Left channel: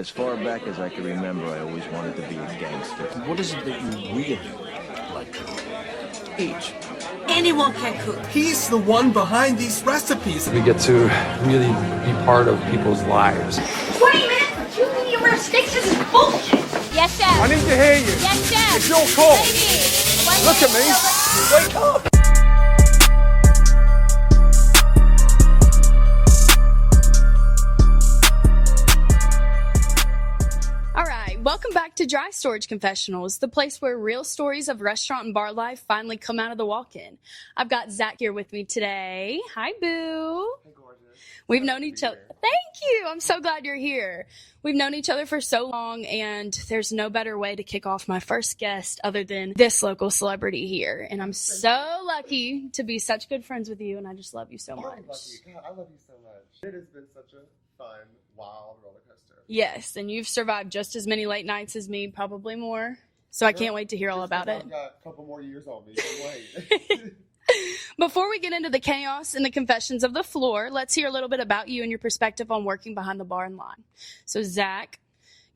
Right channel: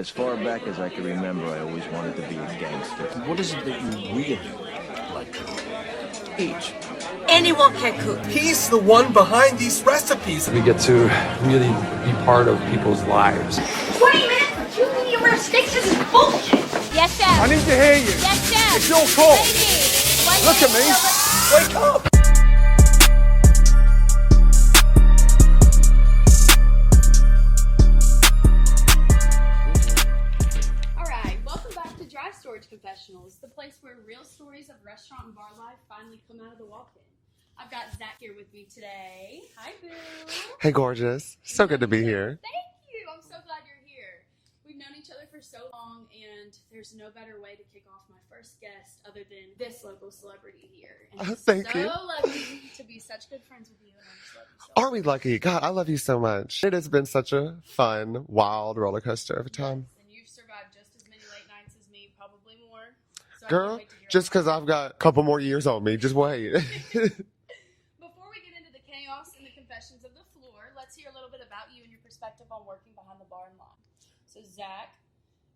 As far back as I can remember, I always wanted to be a gangster. What is it that you really like to eat? Anyone can cook. He's the one behind these recipes. We get to really be part of people's lives. 20 minutes for 2 medium rare steaks? This is bullshit. Yes, chef. I need to hear you. Yes, chef. It's your call. Lady. Look at me. Wake up. Welcome back to Dry Storage Confessionals, the place where real stories of restaurant and bar life finally come out of the walk-in. I've got Zack here with me today. Hi, boo. Hey, gorgeous. So good to be here. Thank you. I'm so glad you're here. We've known each other for so long, and there's no better way to kick off my first guest other than this local celebrity here. And I'm lucky to be such good friends with you, and I just love you so much. Are we lucky? God, I love you so much. It has been such a fun, wild roller coaster of time. Yes, and you've survived just as many late nights as me, probably more. So Girl, I can't wait to hear all about it. Just because I've got a couple more years on me. Just wait. Before we get into the chaos and the confessions of the floor, let's hear a little bit about you and your perspective on working behind the bar and line. So, Zack,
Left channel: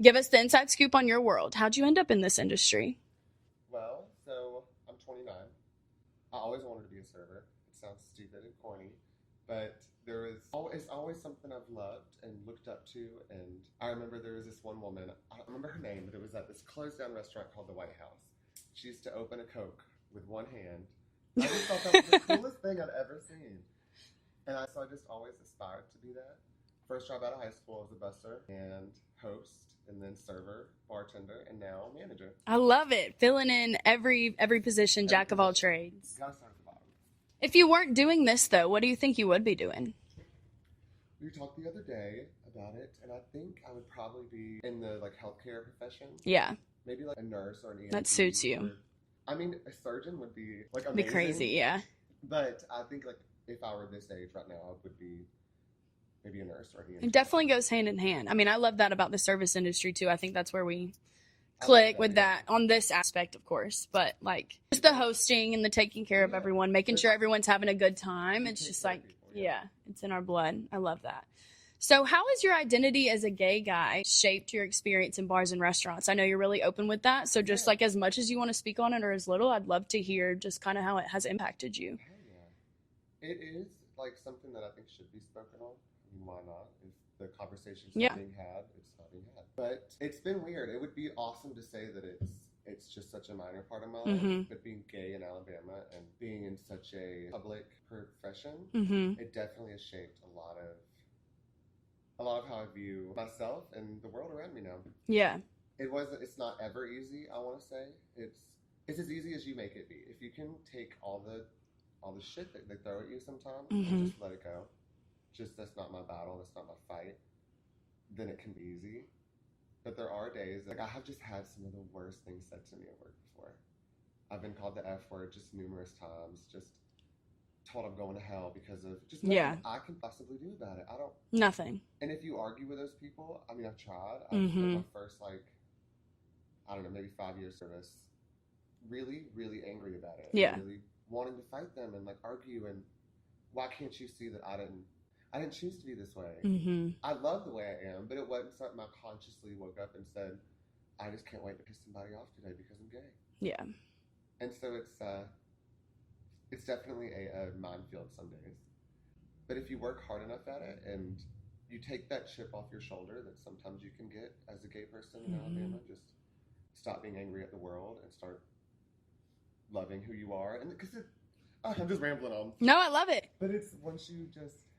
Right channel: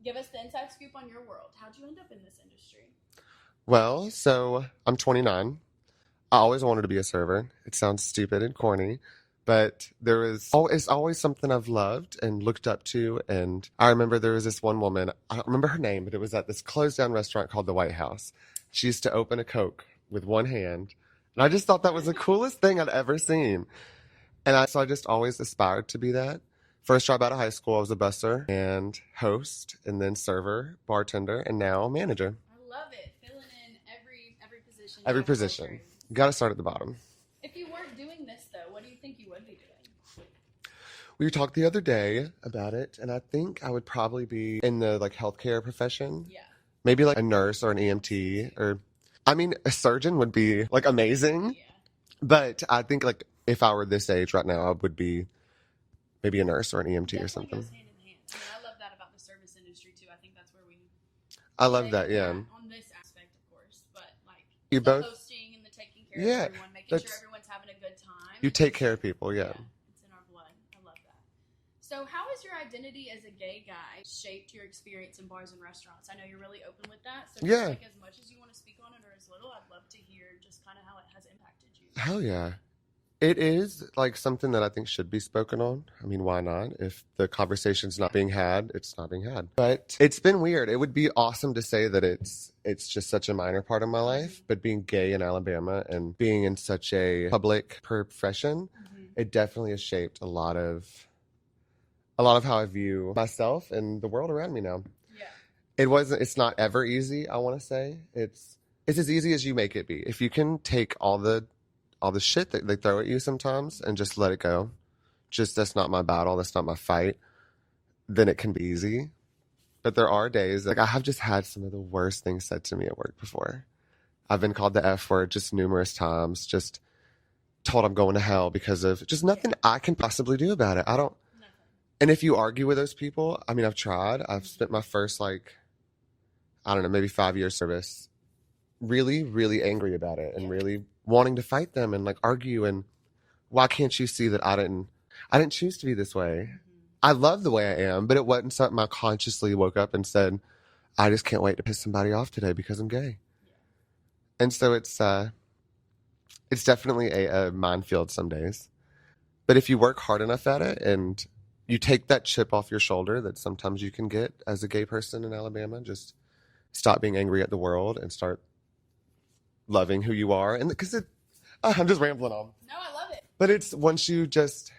give us the inside scoop on your world. How'd you end up in this industry? Well, so I'm 29. I always wanted to be a server. It sounds stupid and corny, but it's always something I've loved and looked up to. And I remember there was this one woman, I don't remember her name, but it was at this closed down restaurant called the White House. She used to open a Coke with one hand. And I just thought that was the coolest thing I'd ever seen. And so I just always aspired to be that. First job out of high school, I was a busser and host, and then server, bartender, and now manager. I love it. Filling in every position, jack of all trades. Got to start at the bottom. If you weren't doing this, though, what do you think you would be doing? We talked the other day about it, and I think I would probably be in the healthcare profession. Yeah. Maybe a nurse or an EMT. That suits you. Or, I mean, a surgeon would be amazing. Crazy, yeah. But I think if I were this age right now, I would be maybe a nurse or an EMT. It definitely goes hand in hand. I mean, I love that about the service industry too. I think that's where we I click love with yeah. that on this aspect, of course. But it's the hosting and the taking care of everyone, making sure everyone's having a good time. You take care of people, yeah. Yeah, it's in our blood. I love that. So how has your identity as a gay guy shaped your experience in bars and restaurants? I know you're really open with that. So just as much as you want to speak on it or as little, I'd love to hear just kind of how it has impacted you. Hell yeah. It is something that I think should be spoken on. I mean, why not? If the conversation's not being had, it's not being had. But it's been weird. It would be awesome to say that it's just such a minor part of my life. Mm-hmm. But being gay in Alabama and being in such a public profession, it definitely has shaped a lot of how I view myself and the world around me now. Yeah. It's not ever easy, I want to say. It's as easy as you make it be. If you can take all the shit that they throw at you sometimes and just let it go. Just, that's not my battle. That's not my fight. Then it can be easy. But there are days, I have just had some of the worst things said to me at work before. I've been called the F word just numerous times, just told I'm going to hell because of just nothing I can possibly do about it. Nothing. And if you argue with those people, I mean, I've tried. I've spent my first, maybe 5 years service really, really angry about it and really wanting to fight them and argue and why can't you see that I didn't choose to be this way. I love the way I am, but it wasn't something I consciously woke up and said, I just can't wait to piss somebody off today because I'm gay. Yeah. And so it's definitely a minefield some days. But if you work hard enough at it and you take that chip off your shoulder that sometimes you can get as a gay person in Alabama, just stop being angry at the world and start loving who you are. And because I'm just rambling on. No, I love it. But it's once you just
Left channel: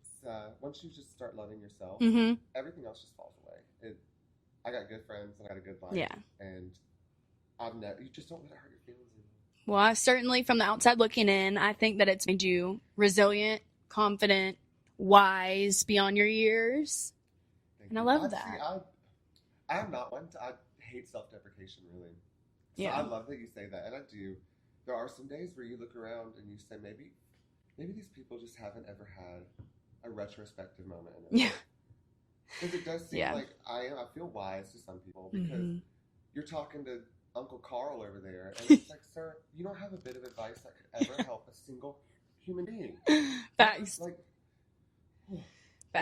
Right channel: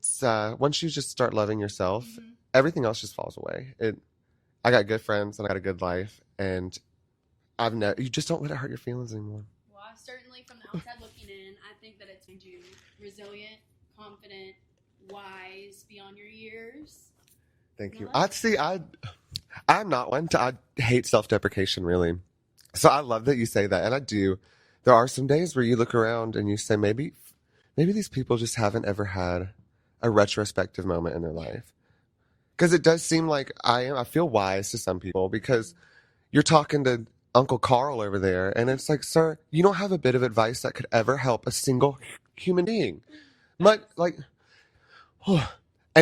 start loving yourself, everything else just falls away. I got good friends and I got a good life, and you just don't let it hurt your feelings anymore. Well, I certainly, from the outside looking in, I think that it's made you resilient, confident, wise beyond your years. Thank you. I love that. See, I'm not one I hate self-deprecation, really. So I love that you say that, and I do. There are some days where you look around and you say, maybe these people just haven't ever had a retrospective moment in their life. Because it does seem like I feel wise to some people because you're talking to Uncle Carl over there, and it's like, sir, you don't have a bit of advice that could ever help a single human being. And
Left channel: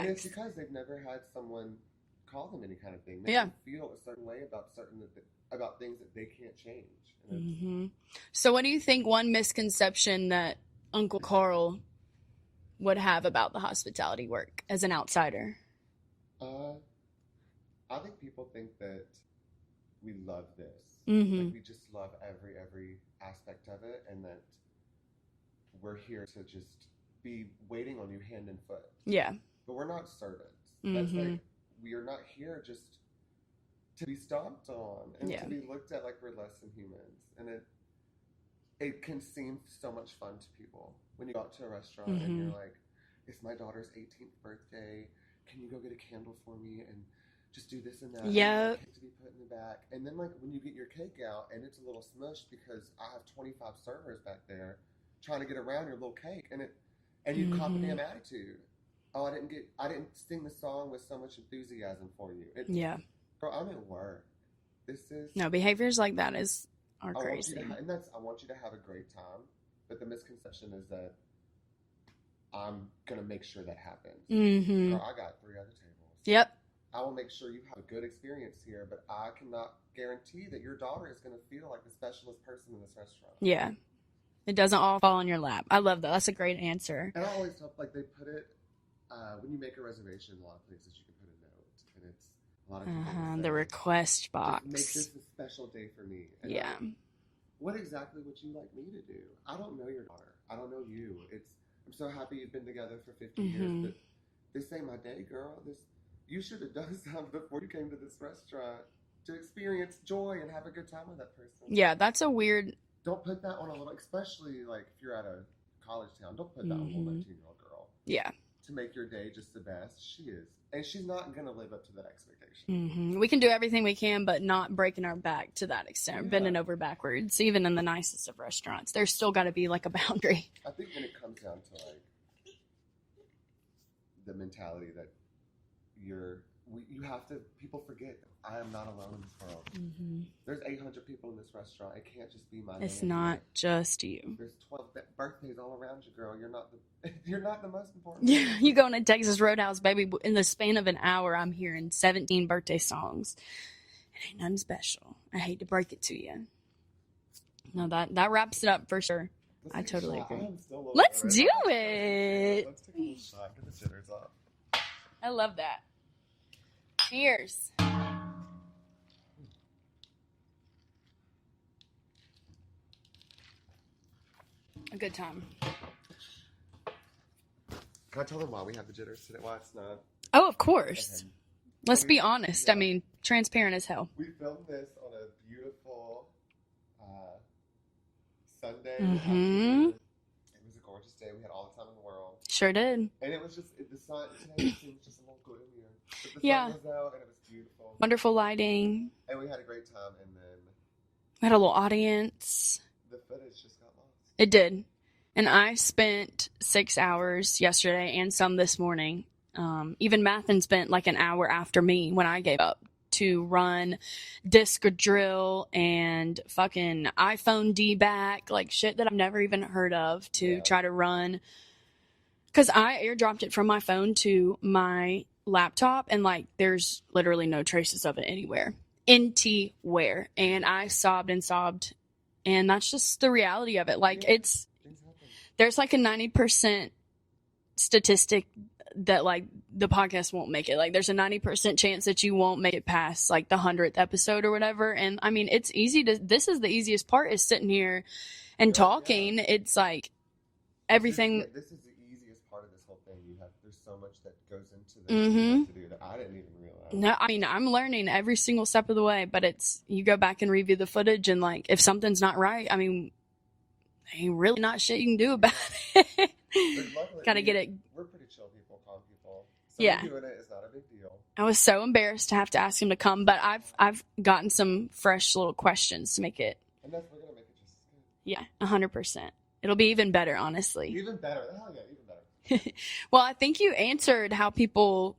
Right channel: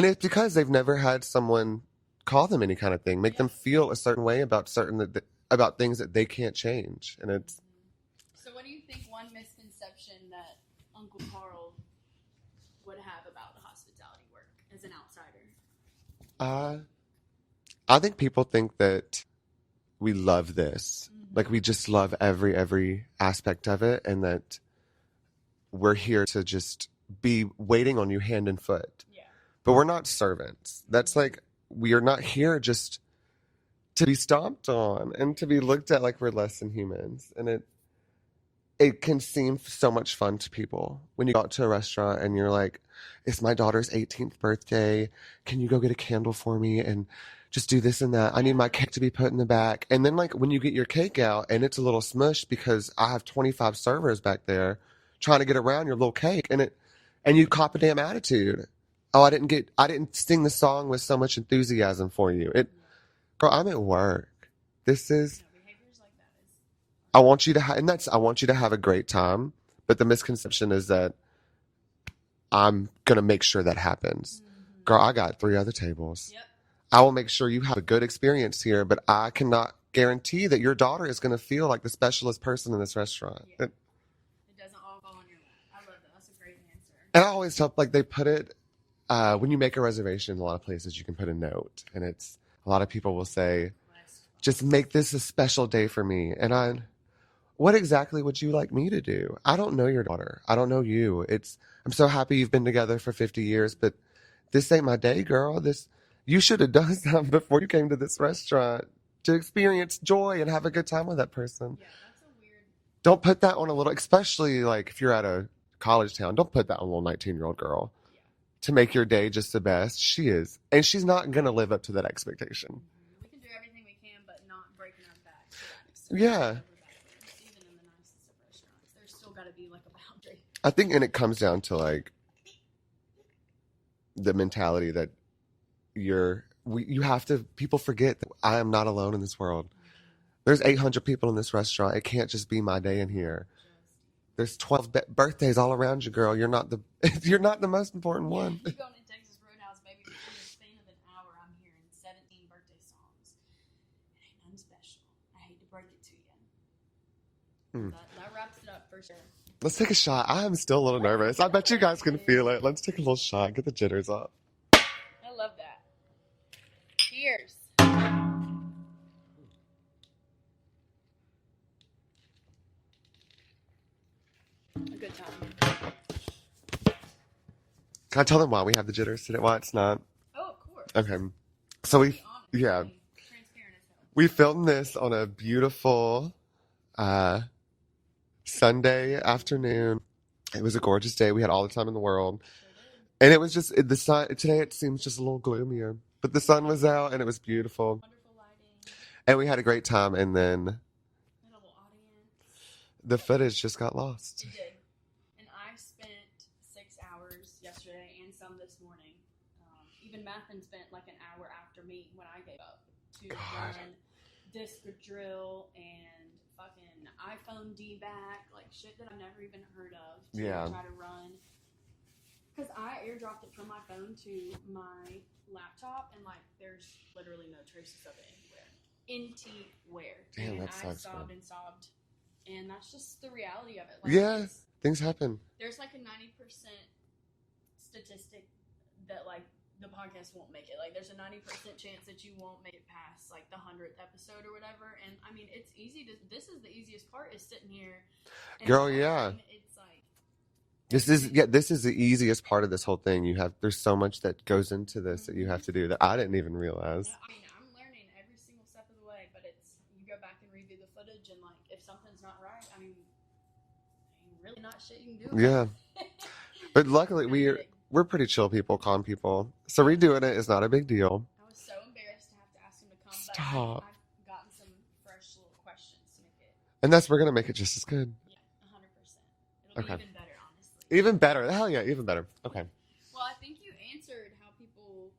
it's because they've never had someone call them any kind of thing. Make them feel a certain way about about things that they can't change. And it's So what do you think one misconception that Uncle Carl would have about the hospitality work as an outsider? I think people think that we love this. Like we just love every aspect of it, and that we're here to just be waiting on you hand and foot. Yeah. But we're not servants. That's like, we are not here just to be stomped on and to be looked at like we're less than humans. And it can seem so much fun to people when you go out to a restaurant and you're like, it's my daughter's 18th birthday. Can you go get a candle for me and just do this and that? I need my cake to be put in the back. And then like when you get your cake out and it's a little smushed because I have 25 servers back there trying to get around your little cake, and you cop a damn attitude. Oh, I didn't sing the song with so much enthusiasm for you. Girl, I'm at work. No, behaviors like that is. I want you to have a great time, but the misconception is that I'm gonna make sure that happens. Girl, I got 3 other tables. Yep. I will make sure you have a good experience here, but I cannot guarantee that your daughter is gonna feel like the specialist person in this restaurant. Yeah. It doesn't all fall in your lap. I love that. That's a great answer. And I always tell, like, they put it, when you make a reservation in a lot of places, you can put a note. And it's, a lot of people will say, the request box. Just make this a special day for me. And what exactly would you like me to do? I don't know your daughter. I don't know you. I'm so happy you've been together for 50 years, but this ain't my day, girl. You should have done something before you came to this restaurant to experience joy and have a good time with that person. Yeah, that's a weird... Don't put that on a little, especially like if you're at a college town, don't put that on a little 19-year-old girl. Yeah. To make your day just the best. She is. And she's not going to live up to that expectation. We can do everything we can, but not breaking our back to that extent. Bending over backwards, even in the nicest of restaurants. There's still got to be like a boundary. I think, and it comes down to like the mentality that people forget that I am not alone in this world. There's 800 people in this restaurant. It can't just be my day in here. It's not just you. There's 12 birthdays all around you, girl. You're not the most important one. You go into Texas Roadhouse, baby. In the span of an hour, I'm hearing 17 birthday songs. It ain't nothing special. I hate to break it to you. No, that wraps it up for sure. Let's take a shot. I am still a little nervous. I bet you guys can feel it. Let's take a little shot. Get the jitters up. I love that. Cheers. A good time. Can I tell them why we have the jitters today? Why it's not? Oh, of course. Okay. Let's be honest. I mean, transparent as hell. We filmed this on a beautiful Sunday afternoon. It was a gorgeous day. We had all the time in the world. Sure did. And it was just, the sun, today it seems just a little gloomier. But the sun was out and it was beautiful. Wonderful lighting. And we had a great time. And then we had a little audience. The footage just got lost. It did. And I spent 6 hours yesterday and some this morning. Even Mathen spent like an hour after me when I gave up to run disc drill and fucking iPhone D-back, like shit that I've never even heard of to try to run. Because I airdropped it from my phone to my laptop and like there's literally no traces of it anywhere. And I sobbed and sobbed. And that's just the reality of it. Like things happen. There's like a 90% statistic that like the podcast won't make it. Like there's a 90% chance that you won't make it past like the 100th episode or whatever. And I mean, this is the easiest part is sitting here and talking. Yeah. It's like everything. This is the easiest part of this whole thing. There's so much that goes into this that you have to do that I didn't even realize. No, I mean, I'm learning every single step of the way, but you go back and review the footage and like, if something's not right, I mean, ain't really not shit you can do about it. But luckily, we're pretty chill people, calm people. So redoing it is not a big deal. I was so embarrassed to have to ask him to come, but I've gotten some fresh little questions to make it. And we're going to make it just as good. Yeah, 100%. It'll be even better, honestly. Even better. Hell yeah, even better. Okay. Well, I think you answered how people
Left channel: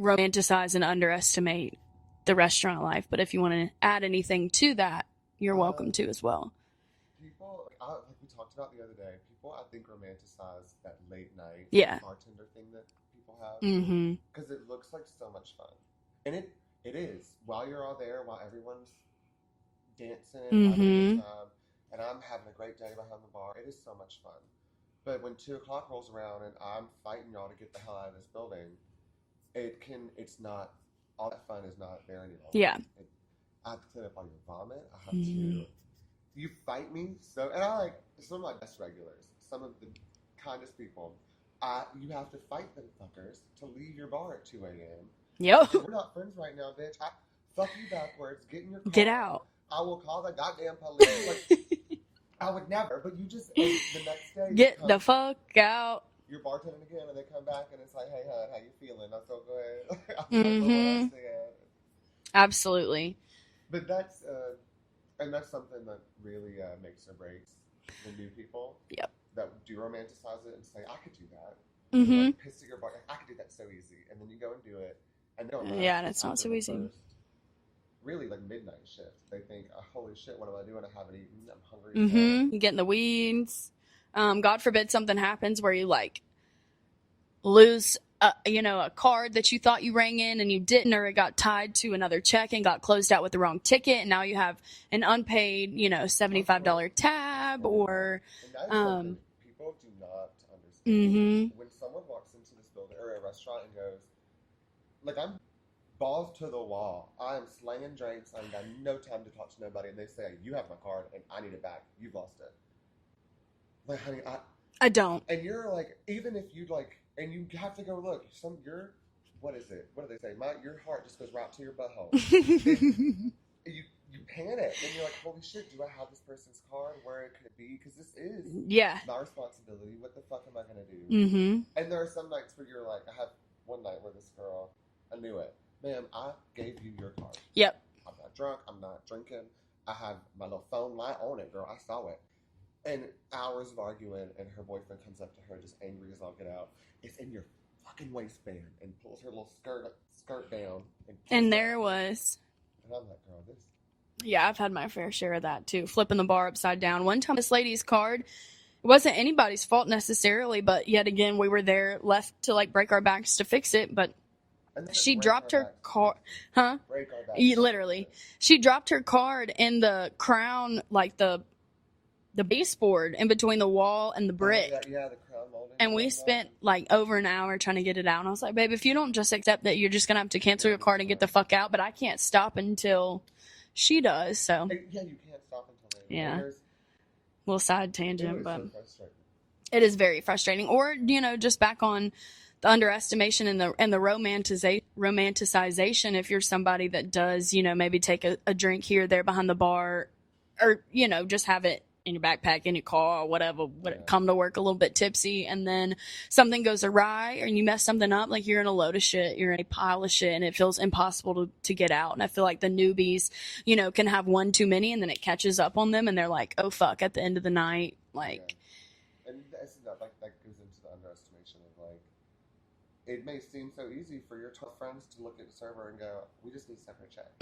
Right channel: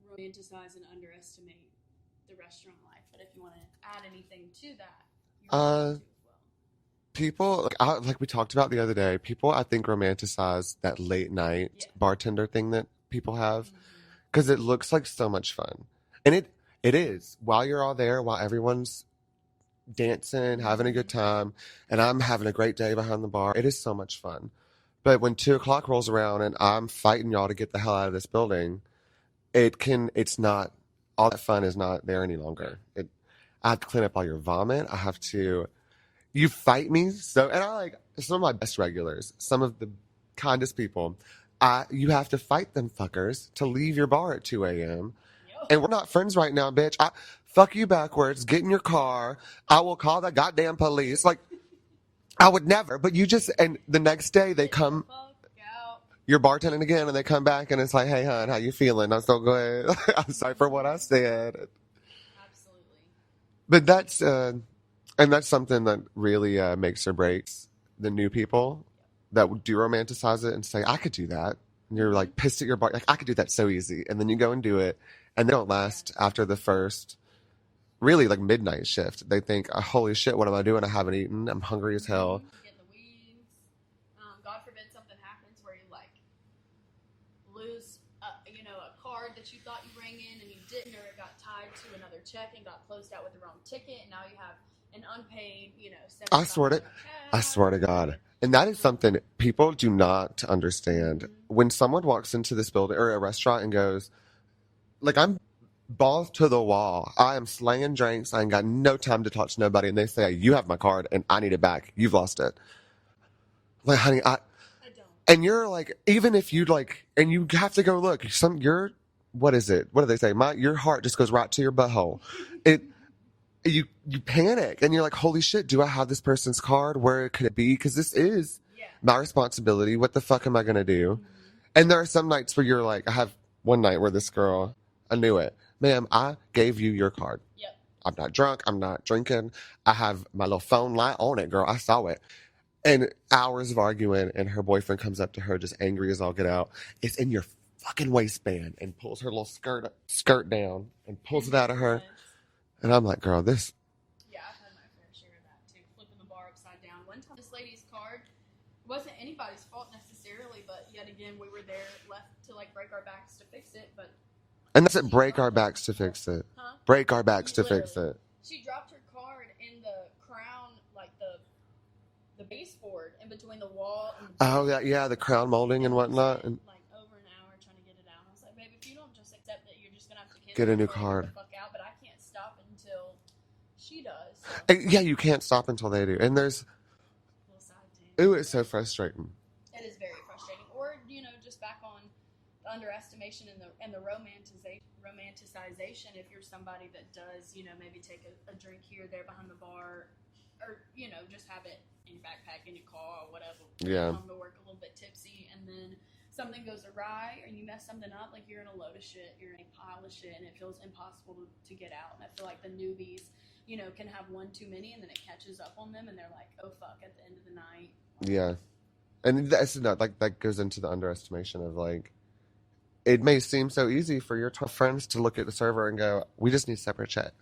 romanticize and underestimate the restaurant life. But if you want to add anything to that, you're welcome to as well. People, like we talked about the other day, people I think romanticize that late night bartender thing that people have because it looks like so much fun. And it is. While you're all there, while everyone's dancing, having a good time, and I'm having a great day behind the bar, it is so much fun. But when 2:00 rolls around and I'm fighting y'all to get the hell out of this building, it's not, all that fun is not there any longer. Yeah. I have to clean up all your vomit. I have to, you fight me. So, and I like some of my best regulars, some of the kindest people. You have to fight them fuckers to leave your bar at 2 a.m. Yep. And we're not friends right now, bitch. Fuck you backwards. Get in your car. Get out. I will call the goddamn police. Like, I would never. But you just, and the next day they Get come. the fuck out. You're bartending again, and they come back, and it's like, hey, hon, how you feeling? I'm so good. I'm sorry for what I said. Absolutely. But that's, and that's something that really makes or breaks the new people. Yep. That do romanticize it and say, I could do that. And you're like pissed at your bar. Like, I could do that so easy. And then you go and do it. And they don't last after the first, really, like, midnight shift. They think, oh, holy shit, what am I doing? I haven't eaten. I'm hungry as hell. You get in the weeds. God forbid something happens where you, like, lose, a card that you thought you rang in and you didn't, or it got tied to another check and got closed out with the wrong ticket. And now you have an unpaid, $75 tab. I swear to God. And that is something people do not understand. When someone walks into this building or a restaurant and goes, like, I'm balls to the wall. I am slanging drinks. I ain't got no time to talk to nobody. And they say, you have my card and I need it back. You've lost it. Like, honey, I don't. And you're like, even if you'd like, and you have to go look, what is it? What do they say? Your heart just goes right to your butthole. You panic and you're like, holy shit, do I have this person's card? Where could it be? Because this is my responsibility. What the fuck am I going to do? And there are some nights where you're like, I have one night where this girl, I knew it. Ma'am, I gave you your card. Yep. I'm not drunk. I'm not drinking. I have my little phone light on it, girl. I saw it. And hours of arguing, and her boyfriend comes up to her just angry as all get out. It's in your fucking waistband, and pulls her little skirt down and pulls it out of her. And I'm like, girl, this. Yeah, I've had my fair share of that too. Flipping the bar upside down. One time, this lady's card, it wasn't anybody's fault necessarily, but yet again, we were there left to like break our backs to fix it. But and that's it, break our backs to fix it. Huh? Break our backs to literally fix it. She dropped her card in the crown, like the baseboard in between the wall and the brick. Oh, yeah, the crown molding and whatnot. We spent like over an hour trying to get it out. And I was like, babe, if you don't just accept that, you're just going to have to cancel your card and get the fuck out. But I can't stop until she does. So yeah, you can't stop until they do. Yeah. And there's little side tangent. Ooh, it's so frustrating. It is very frustrating. Or, just back on the underestimation and the romanticization. If you're somebody that does, maybe take a drink here or there behind the bar, or, just have it in your backpack, in your car, or whatever, come to work a little bit tipsy, and then something goes awry or you mess something up, like you're in a load of shit, you're in a pile of shit, and it feels impossible to get out. And I feel like the newbies, can have one too many, and then it catches up on them, and they're like, oh fuck, at the end of the night. Like, yeah. And that's not like that goes into the underestimation of like, it may seem so easy for your friends to look at the server and go, we just need separate checks.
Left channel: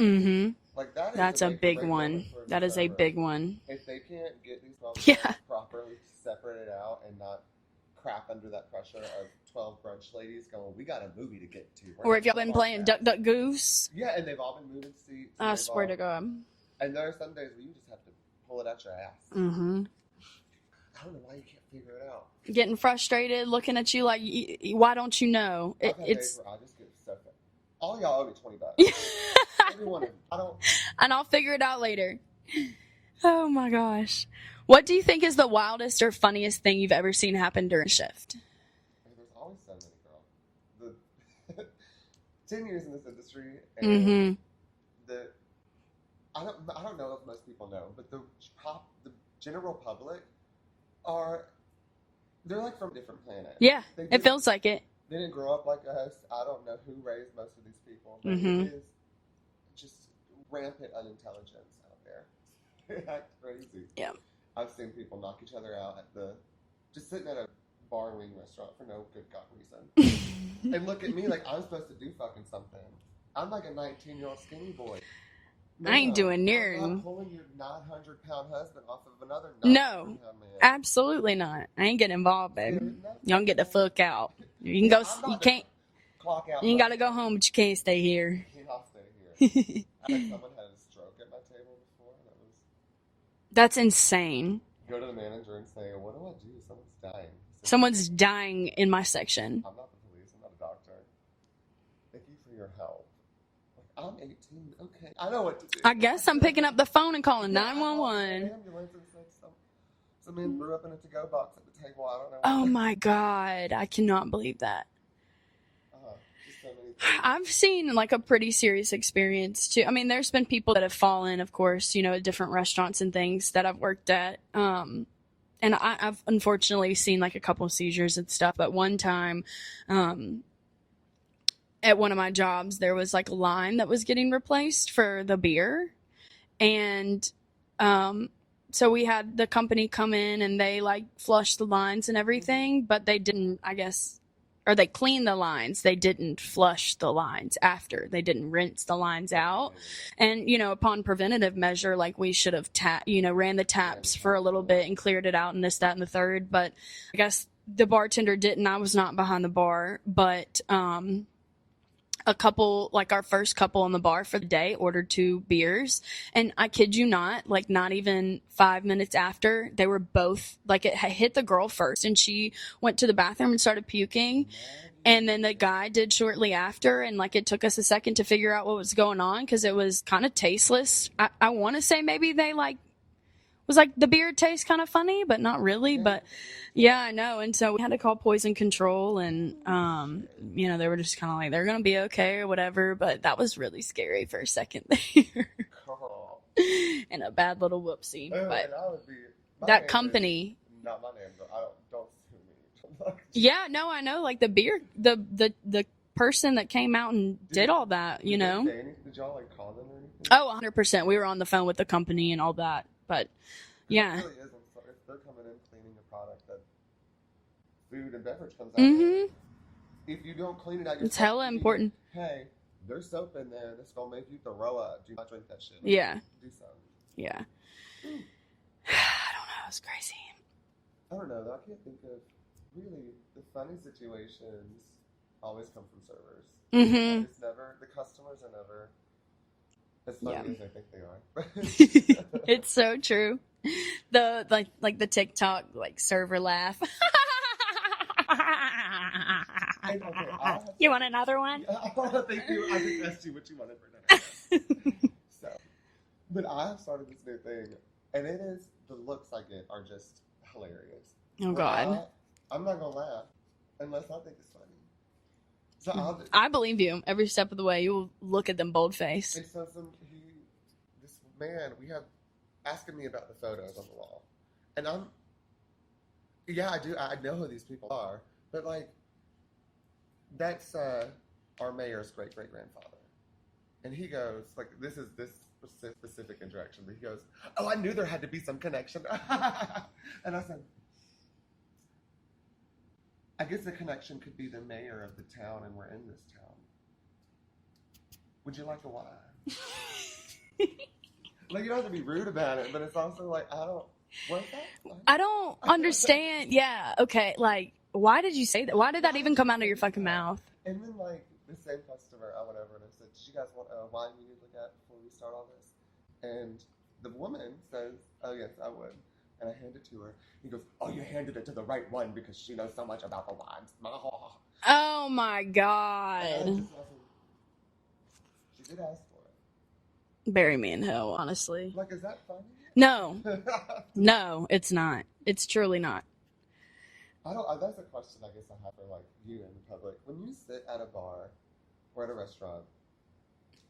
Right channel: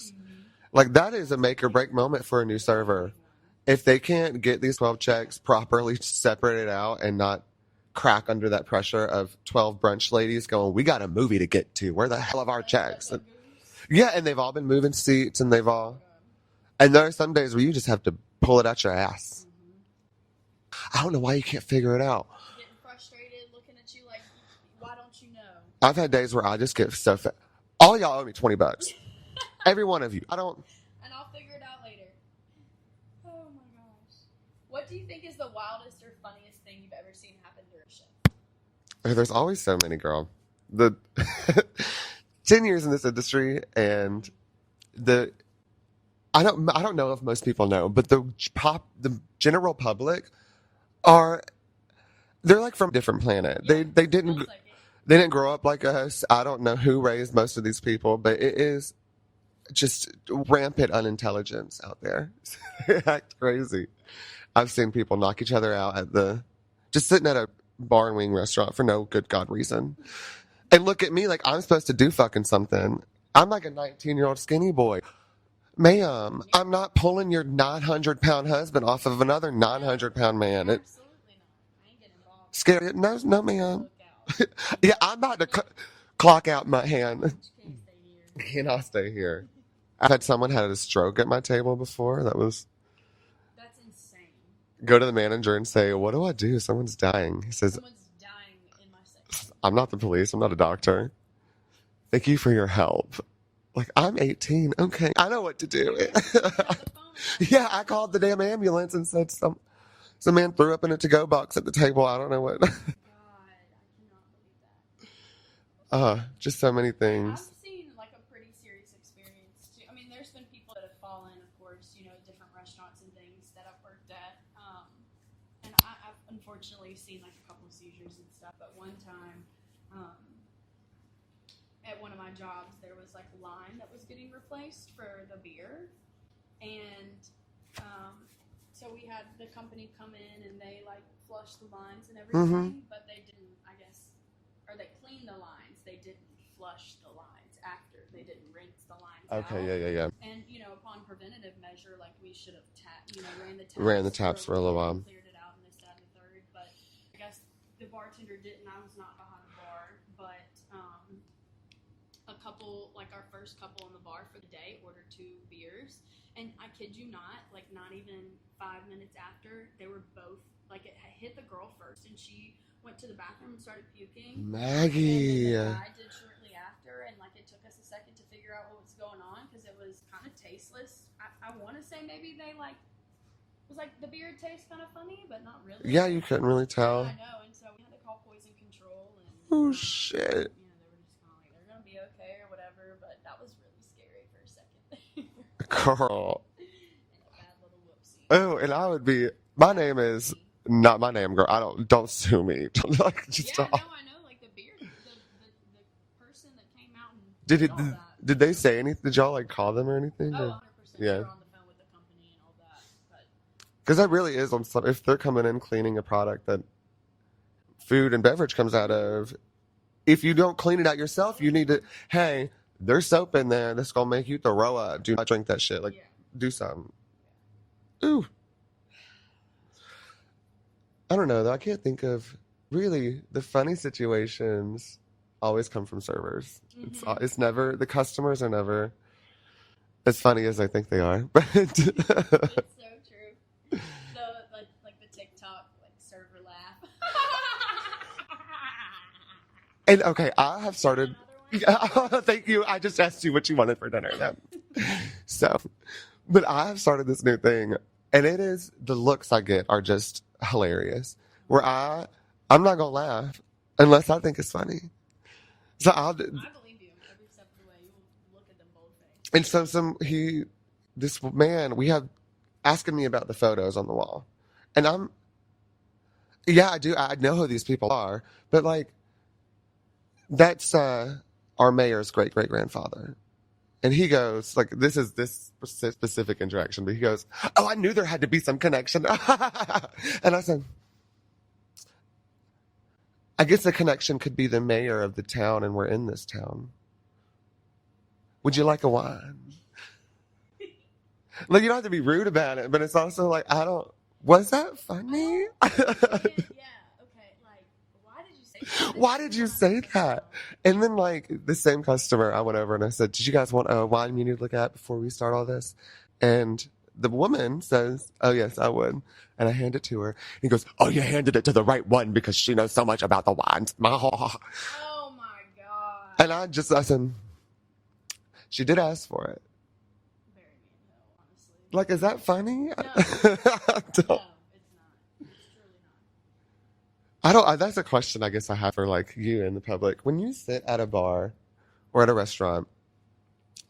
Like, that is That's a make or break moment for a new server. That is a big one. If they can't get these 12 checks properly separated out and not crack under that pressure of 12 brunch ladies going, we got a movie to get to. Where the hell are our checks? Duck, Duck, Goose. Yeah, and they've all been moving seats, and I swear to God. And there are some days where you just have to pull it out your ass. I don't know why you can't figure it out. Getting frustrated, looking at you like, why don't you know? I've had days where I just get so fat. All y'all owe me $20. Every one of you. And I'll figure it out later. Oh my gosh. What do you think is the wildest or funniest thing you've ever seen happen during a shift? There's always so many, girl. The 10 years in this industry, and I don't know if most people know, but the general public they're like from a different planet. Yeah, it feels like it. They didn't grow up like us. I don't know who raised most of these people, but it is just rampant unintelligence out there. They act crazy. Yeah. I've seen people knock each other out just sitting at a bar and wing restaurant for no good God reason. And look at me like I'm supposed to do fucking something. I'm like a 19-year-old skinny boy. Ma'am, I ain't doing near. I'm not pulling your 900-pound husband off of another 900-pound man. Absolutely not. I ain't getting involved. Scared? No, don't get the fuck out. Yeah, I'm not. clock out in You my gotta hand. go home, but you can't stay here. Cannot stay here. I've had someone had a stroke at my table before. That's insane. Go to the manager and say, what do I do? Someone's dying. He says, Someone's dying in my section. I'm not the police. I'm not a doctor. Thank you for your help. Like, I'm 18. Okay, I know what to do. I guess I'm picking up the phone and calling 911. I called the damn ambulance and said some man threw up in a to-go box at the table. I don't know what. Oh my God. I cannot believe that. Just so many things. I've seen like a pretty serious experience too. I mean, there's been people that have fallen, of course, you know, at different restaurants and things that I've worked at. And I've unfortunately seen like a couple of seizures and stuff. But one time, at one of my jobs, there was like a line that was getting replaced for the beer. And, so we had the company come in and they like flushed the lines and everything, but they didn't, I guess, or they cleaned the lines. They didn't flush the lines after. They didn't rinse the lines out. Yeah. And, you know, upon preventative measure, like we should have, ran the taps for a little bit and cleared it out and this, that, and the third. But I guess the bartender didn't. I was not behind the bar. But a couple, like our first couple on the bar for the day, ordered 2 beers. And I kid you not, like not even 5 minutes after, they were both, like it hit the girl first and she went to the bathroom and started puking. Maggie. And then the guy did shortly after. And like it took us a second to figure out what was going on because it was kind of tasteless. I want to say maybe they like, was like the beer tastes kind of funny, but not really. Yeah, but you couldn't really tell. yeah, I know. And so we had to call poison control and, shit. you know, they were just kind of like, they're going to be okay or whatever. But that was really scary for a second there. Girl. And a bad little whoopsie. Oh, But and I would be, my that name company. is not my name, girl. Don't sue me. Like, Yeah, stop. no, I know. Like the beer, the person that came out and did all that, you Did know. they say anything? Did y'all like call them or anything? Oh, 100%. We Yeah. were on the phone with the company and all that. But Because yeah. that really is on some, if they're coming in cleaning a product that food and beverage comes out of, if you don't clean it out yourself, hella you need important. to, hey, there's soap in there that's going to make you throw up. Do not drink that shit. Like, yeah. do something. Yeah. Ooh. I don't know. It's crazy. I don't know, though. I can't think of, really, the funny situations always come from servers. It's never, the customers are never as funny as I think they are. But It's so true. The like the TikTok like server laugh. And okay, I have You want started. another one? Thank you. I just asked you what you wanted for dinner. Yeah. So, but I have started this new thing, and it is the looks I get are just hilarious. Oh, where God. I'm not gonna laugh unless I think it's funny. So I believe you every step of the way. You will look at them bold faced. and so this man we have asking me about the photos on the wall, and I do. I know who these people are, but like. That's our mayor's great-great-grandfather. And he goes, like, this is this specific interaction, but he goes, oh, I knew there had to be some connection. And I said, I guess the connection could be the mayor of the town, and we're in this town. Would you like a wine? Like, you don't have to be rude about it, but it's also like, was that funny? I don't understand. Yeah. Okay. Like, why did you say that? Why did that even come out of your fucking mouth? And then, like, the same customer, I went over and I said, did you guys want a wine you need to look at before we start all this? And the woman says, oh, yes, I would. And I hand it to her. He goes, oh, you handed it to the right one because she knows so much about the wines. Oh, my God. And I said, she did ask for it. Bury me in hell, honestly. Like, is that funny? No. No, it's not. It's truly not. That's a question I guess I have for like you in the public. When you sit at a bar or at a restaurant,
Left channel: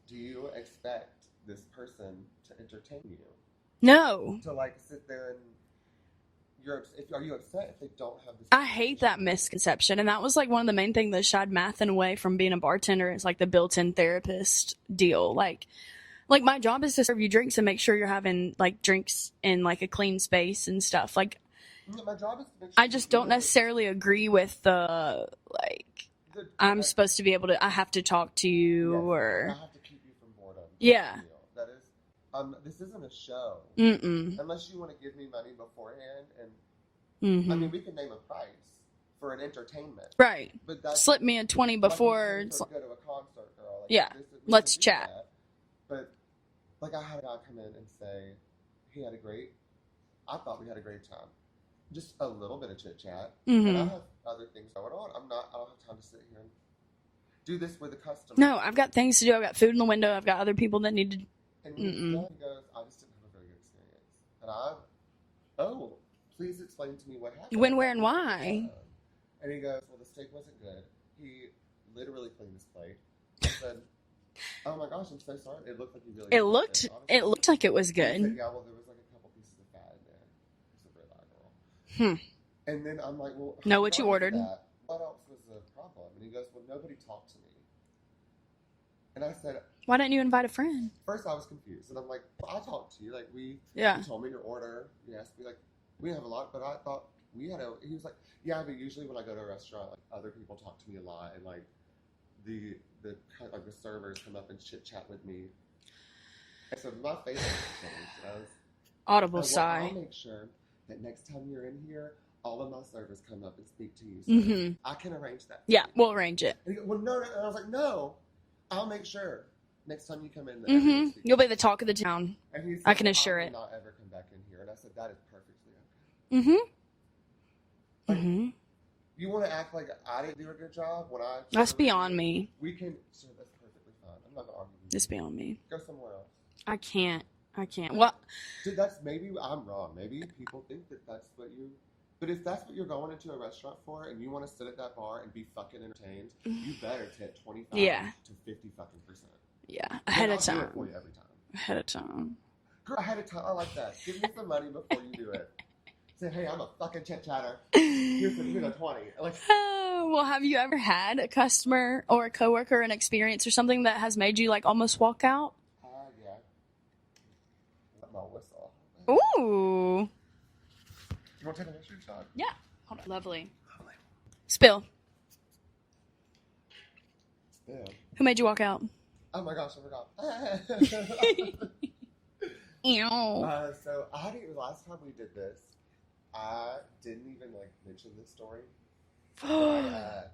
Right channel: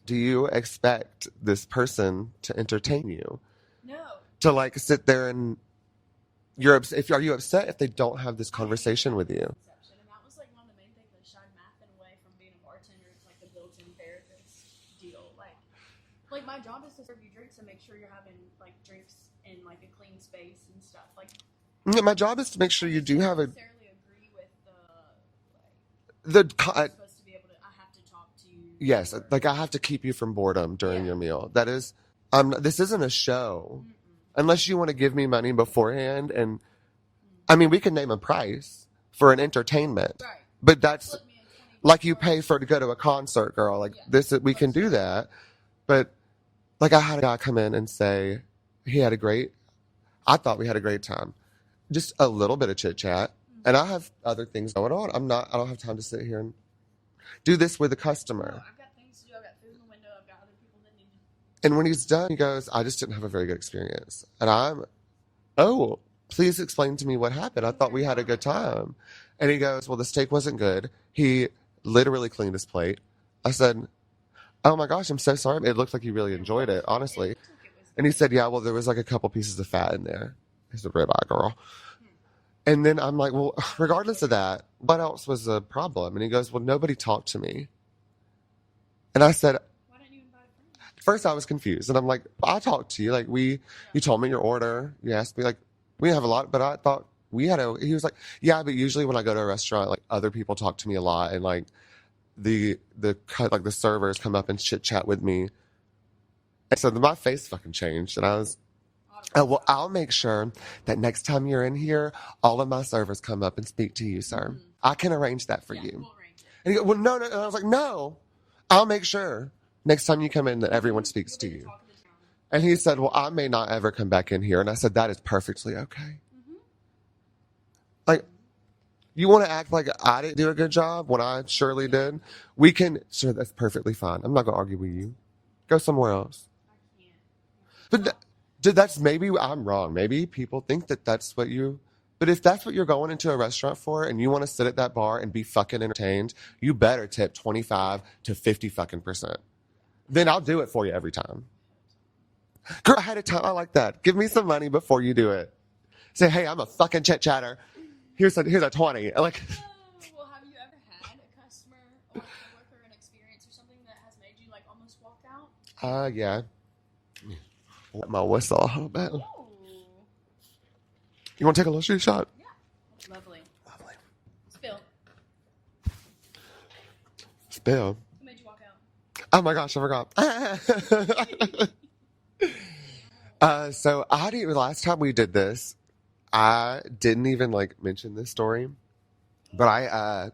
do you expect this person to entertain you? No. To like sit there and are you upset if they don't have this conversation with I hate that you? misconception. And that was like one of the main things that shied Mathen away from being a bartender is like the built-in therapist deal. Like my job is to serve you drinks and make sure you're having like drinks in like a clean space and stuff. Like, yeah, my job is to make sure I you just do don't have necessarily agree with the like. I'm supposed to be able to. I have to talk to you. Yes, or, like I have to keep you from boredom during your meal. That is, this isn't a show. Unless you want to give me money beforehand, and I mean, we can name a price for an entertainment. Right. But that's slip me a 20 before. like you pay for to go to a concert, girl. Like this, we let's can do chat. that. But like I had a guy come in and say I thought we had a great time. Just a little bit of chit chat. Mm-hmm. And I have other things going on. I don't have time to sit here and do this with a customer. No, I've got things to do. I've got food in the window. I've got other people that need to. And when he's done, he goes, I just didn't have a very good experience. And oh, please explain to me what happened. When, I where, thought we and had a good why? time. And he goes, well, the steak wasn't good. He literally cleaned his plate. I said, oh my gosh, I'm so sorry. It looked like you really enjoyed it, honestly. It looked like it was good. And he said, yeah, well, there was like a couple pieces of fat in there. He's a ribeye girl. And then I'm like, well, Know what you regardless of ordered? that, what else was the problem? And he goes, well, nobody talked to me. And I said, why didn't you invite a friend? first I was confused. And I'm like, I talked to you. Like, you told me your order. You asked me, like, we have a lot, but I thought we had he was like, yeah, but usually when I go to a restaurant, like, other people talk to me a lot. And, like, the servers come up and chit chat with me. And so my face fucking changed. And I was, Audible well, sigh. I'll make sure that next time you're in here, all of my servers come up and speak to you, sir. I can arrange that for you. Yeah, we'll arrange it. And he goes, well, no. And I was like, no, I'll make sure next time you come in that everyone speaks You'll to be the you. talk of the town. And he said, can well, I assure may it. not ever come back in here. And I said, that is perfectly okay. Like, you want to act like I didn't do a good job when I surely did? That's beyond me. We can, sure, that's perfectly fine. I'm not going to argue with It's you. beyond me. Go somewhere else. I can't. But Well, that's maybe I'm wrong. Maybe people think that that's what you. But if that's what you're going into a restaurant for, and you want to sit at that bar and be fucking entertained, you better tip 25 to 50 fucking %. yeah. Then I'll do it for you every time. Ahead of time. Girl, ahead of time. I like that. Give me some money before you do it. Say, hey, I'm a fucking chit chatter. Here's a 20. Like. Well, have you ever had a customer or a coworker, an experience or something that has made you like almost walk out? Yeah. Let my whistle a little bit. Ooh. You want to take a little shoe shot? Yeah. Oh, lovely. Spill. Spill. Who made you walk out? Oh my gosh, I forgot. Ew. So last time we did this, I didn't even like mention this story, but I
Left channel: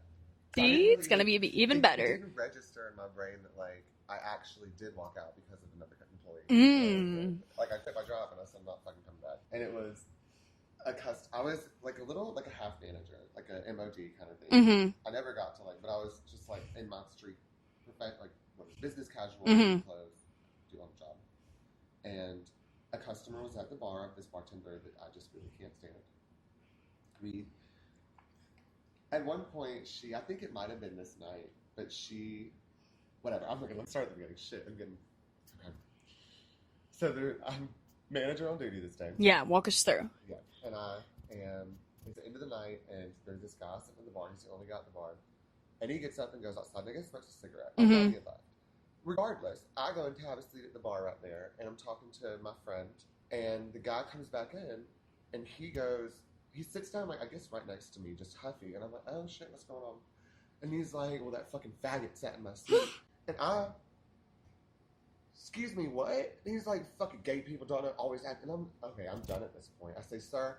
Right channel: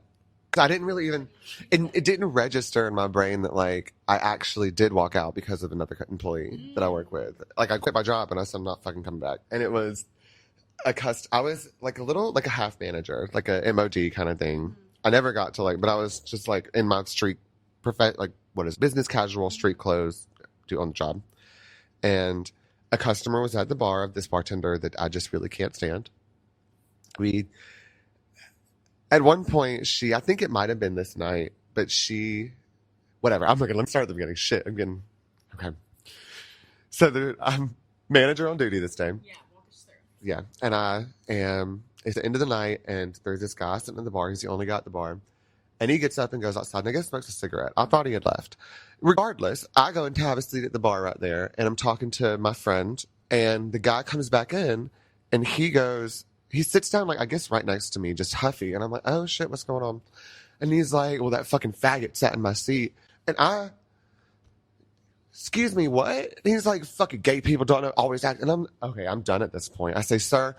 didn't really. It's gonna be even better. It didn't register in my brain that like I actually did walk out because of another employee that I work with. Like I quit my job and I said I'm not fucking coming back, and it was I was like a half manager, like a MOD kind of thing. I never got to but I was just like in my street business casual street clothes on the job, and a customer was at the bar of this bartender that I just really can't stand. At one point, I think it might have been this night, but whatever. Let me start at the beginning. Shit, okay. So I'm manager on duty this day. Yeah, walk us through. Yeah, and it's the end of the night, and there's this guy sitting in the bar. He's the only guy at the bar. And he gets up and goes outside, and I guess smokes a cigarette. I thought he had left. Regardless, I go and have a seat at the bar right there, and I'm talking to my friend, and the guy comes back in, and he sits down, I guess right next to me, just huffy. And I'm like, oh shit, what's going on? And he's like, well, that fucking faggot sat in my seat. And excuse me, what? And he's like, fucking gay people don't always act. And I'm done at this point. I say, sir,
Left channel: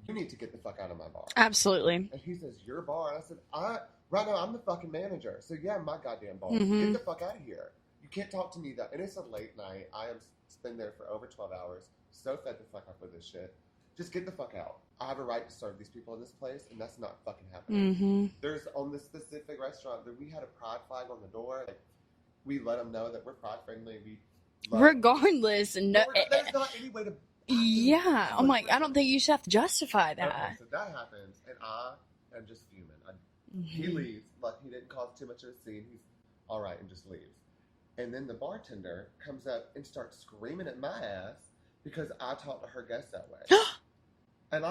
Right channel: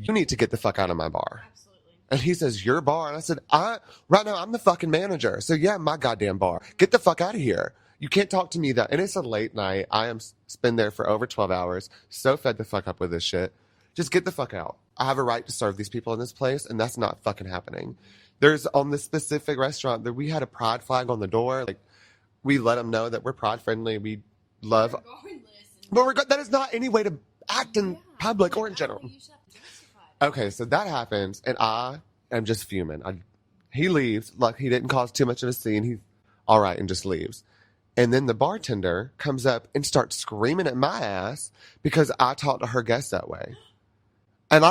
you need to get the fuck out of my bar. Absolutely. And he says, your bar? And I said, right now, I'm the fucking manager. So yeah, my goddamn bar. Get the fuck out of here. You can't talk to me that. And it's a late night. I am been there for over 12 hours. So fed the fuck up with this shit. Just get the fuck out. I have a right to serve these people in this place, and that's not fucking happening. There's on this specific restaurant that we had a pride flag on the door. Like, we let them know that we're pride friendly. We love. Regardless, there's not any way to act in public or in I don't general. think you should have to justify that. Okay, so that happens, and I am just fuming. He leaves. Like, he didn't cause too much of a scene. He's all right and just leaves. And then the bartender comes up and starts screaming at my ass because I talked to her guests that way. And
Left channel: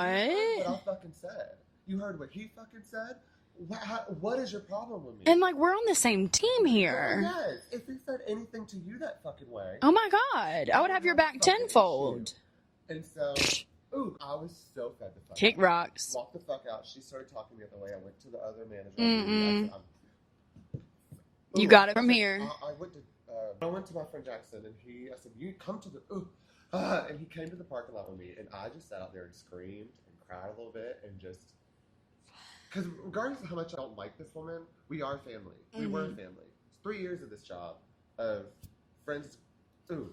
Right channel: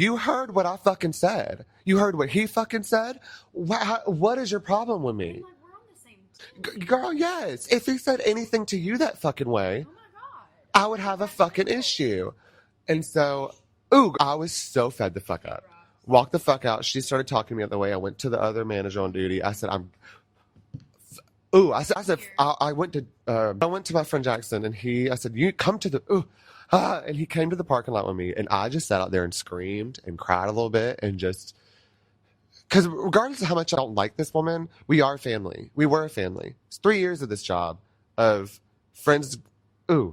you heard what I fucking said. You heard what he fucking said. What is your problem with me? And we're on the same team here. Girl, yes. If he said anything to you that fucking way, Oh my god, I would have a fucking tenfold. issue. And so, I was so fed the fuck Kick up. rocks. Walked the fuck out. She started talking to me the other way. I went to the other manager on duty. I said, You got it from here. I went to my friend Jackson, and I said, you come to the, and he came to the parking lot with me, and I just sat out there and screamed and cried a little bit and just because regardless of how much I don't like this woman, we are family. We were a family. It's 3 years of this job of friends. Ooh.